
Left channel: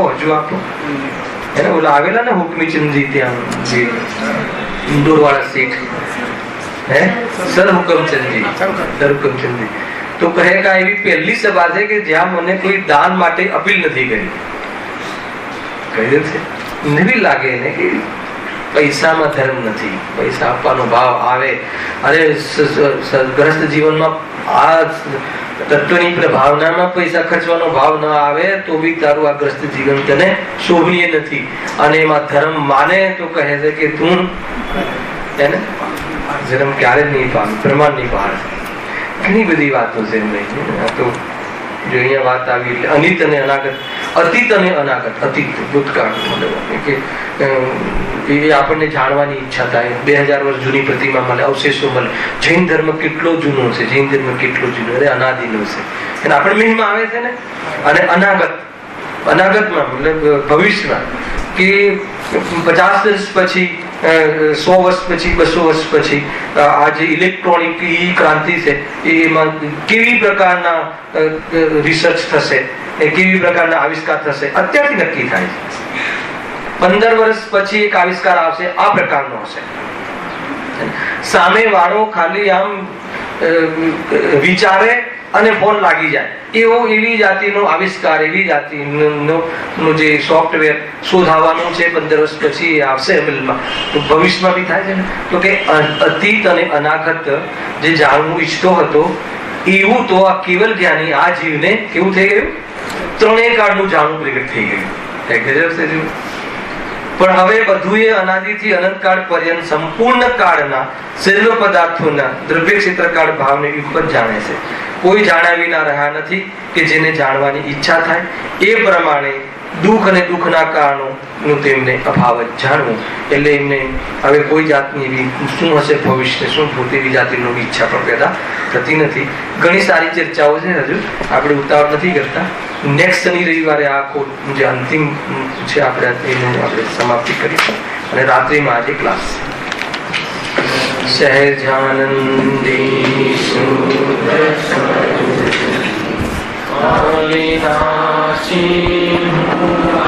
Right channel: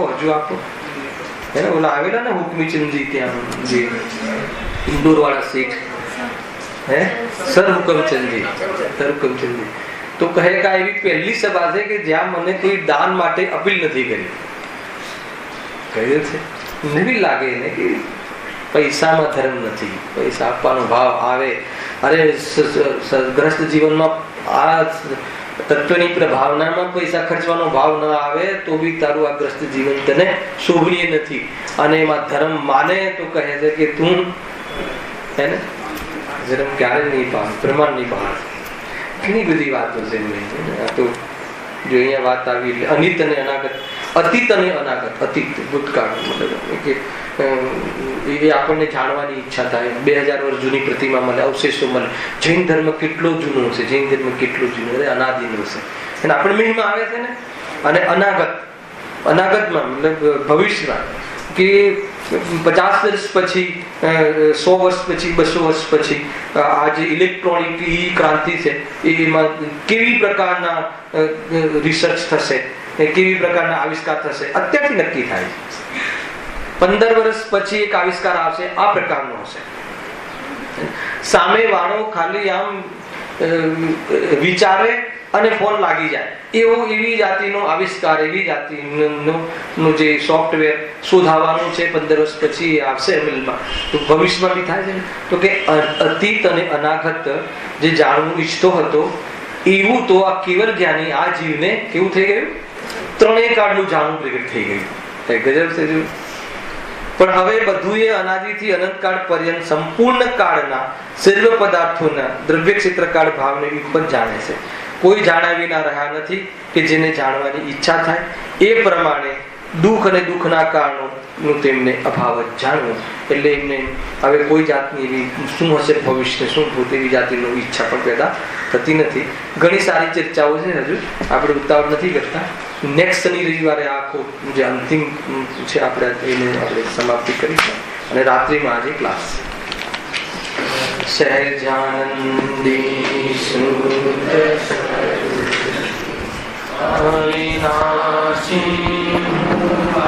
એને ઓલા આવેલા ને હુકમીચંદજી ત્યાં જે ઇન્દોર વાળા શેઠ સરહુકમચંદજી તો કહે કે એવી પહેલી સભા છે કે જ્યાં મને કોઈ દાન માટે અપીલ નથી કરી. કહ્યું છે નવી લાગે ને કે પૈસામાં ધર્મ નથી, પૈસા આપવાનો ભાવ આવે અને ગ્રસ્ત જીવનમાં આ તત્વની પ્રભાવનામાં પૈસા ખર્ચવાનો ભાવ ન આવે તો બી તારું આ ગ્રસ્ત જીવન તને શોભનીય નથી. અને એમાં ધર્મ માને તો કહે છે કે તું એને જન્મ ક્યારે નહીં પામ, પ્રમાણ નહીં પામ. ઘણી બધી વાતો છે તો જો અહીંયા વાત આવી એટલે અનિત અને અનાગત, અતીત અને અનાગત. અતીત ભૂતકાળ કે એ આપણને જાણવાની ઈચ્છા થાય. 2000 વર્ષ જૂની પ્રતિમા મળે, અવશેષો મળે. જૈન ધર્મ કેટલો જૂનો છે, જૈન ધર્મ કેટલો જૂનો અનાદિનો છે. અને આપણે મેનમાં આવે છે ને. અને અનાગતમાં મતલબ ભવિષ્યમાં કે 50 વર્ષ પછી, 100 વર્ષ પછી, 200 વર્ષ પછી આ જે ઇલેક્ટ્રોનિક ક્રાંતિ છે એમાં કેવી પ્રકારના રિસર્ચ થશે, કેવી પ્રકારના આવિષ્કાર થશે અત્યારથી નક્કી થાય છે. 15 વર્ષ પછી એક આવિષ્કાર આવશે, આ પ્રકારનો હશે. સામે વાળો ખાલી આમ વિચારે અને ફોન લાગી જાય એવી જાતિનો આવિષ્કાર, એવી જાતિનું જે સોફ્ટવેર શોધાવાનું છે 15 વર્ષ પછી આવશે અમલમાં. તો ભવિષ્યમાં બી થાય છે ને. તો કે અતીત અને અનાગત જે જાણવું ઈચ્છતો હતો એવું તો આ કેવલ જ્ઞાની આ જીવને કેવું થઈ ગયું? ત્રણેય કાળનું જાણવું પ્રગટ થઈ ગયું. ગજબ છે. પણ હવે બધું એ અનાદિથી અનંતકાળ પર્યંત સંપૂર્ણ કાળના સર્વ પદાર્થોના દ્રવ્ય ક્ષેત્રકાળ ભાવને ઉપર જાણે છે. કોઈ જાણ્યા વિના રહ્યા નથી કે જેને જાણવાની ઈચ્છા થાય. એ પ્રમાણે દુઃખ અને દુઃખના કારણોનું તેમને અભાવ જ જાણવું. એટલે એમને હવે કોઈ જાતની એવી શું હશે ભવિષ્ય, શું ભૂત એવી જાતિની ઈચ્છા પણ પેદા થતી નથી. ઘણી સારી ચર્ચાઓ છે, હજુ આપણે ઉતાવળ નથી કરતા. નેક્સ્ટ શનિ રવિવારે આ જે અંતિમ છે આપણે એનું આપણે સમાપ્તિ કરીશું. અને રાત્રિમાં આજે ક્લાસ સહેજાનંદી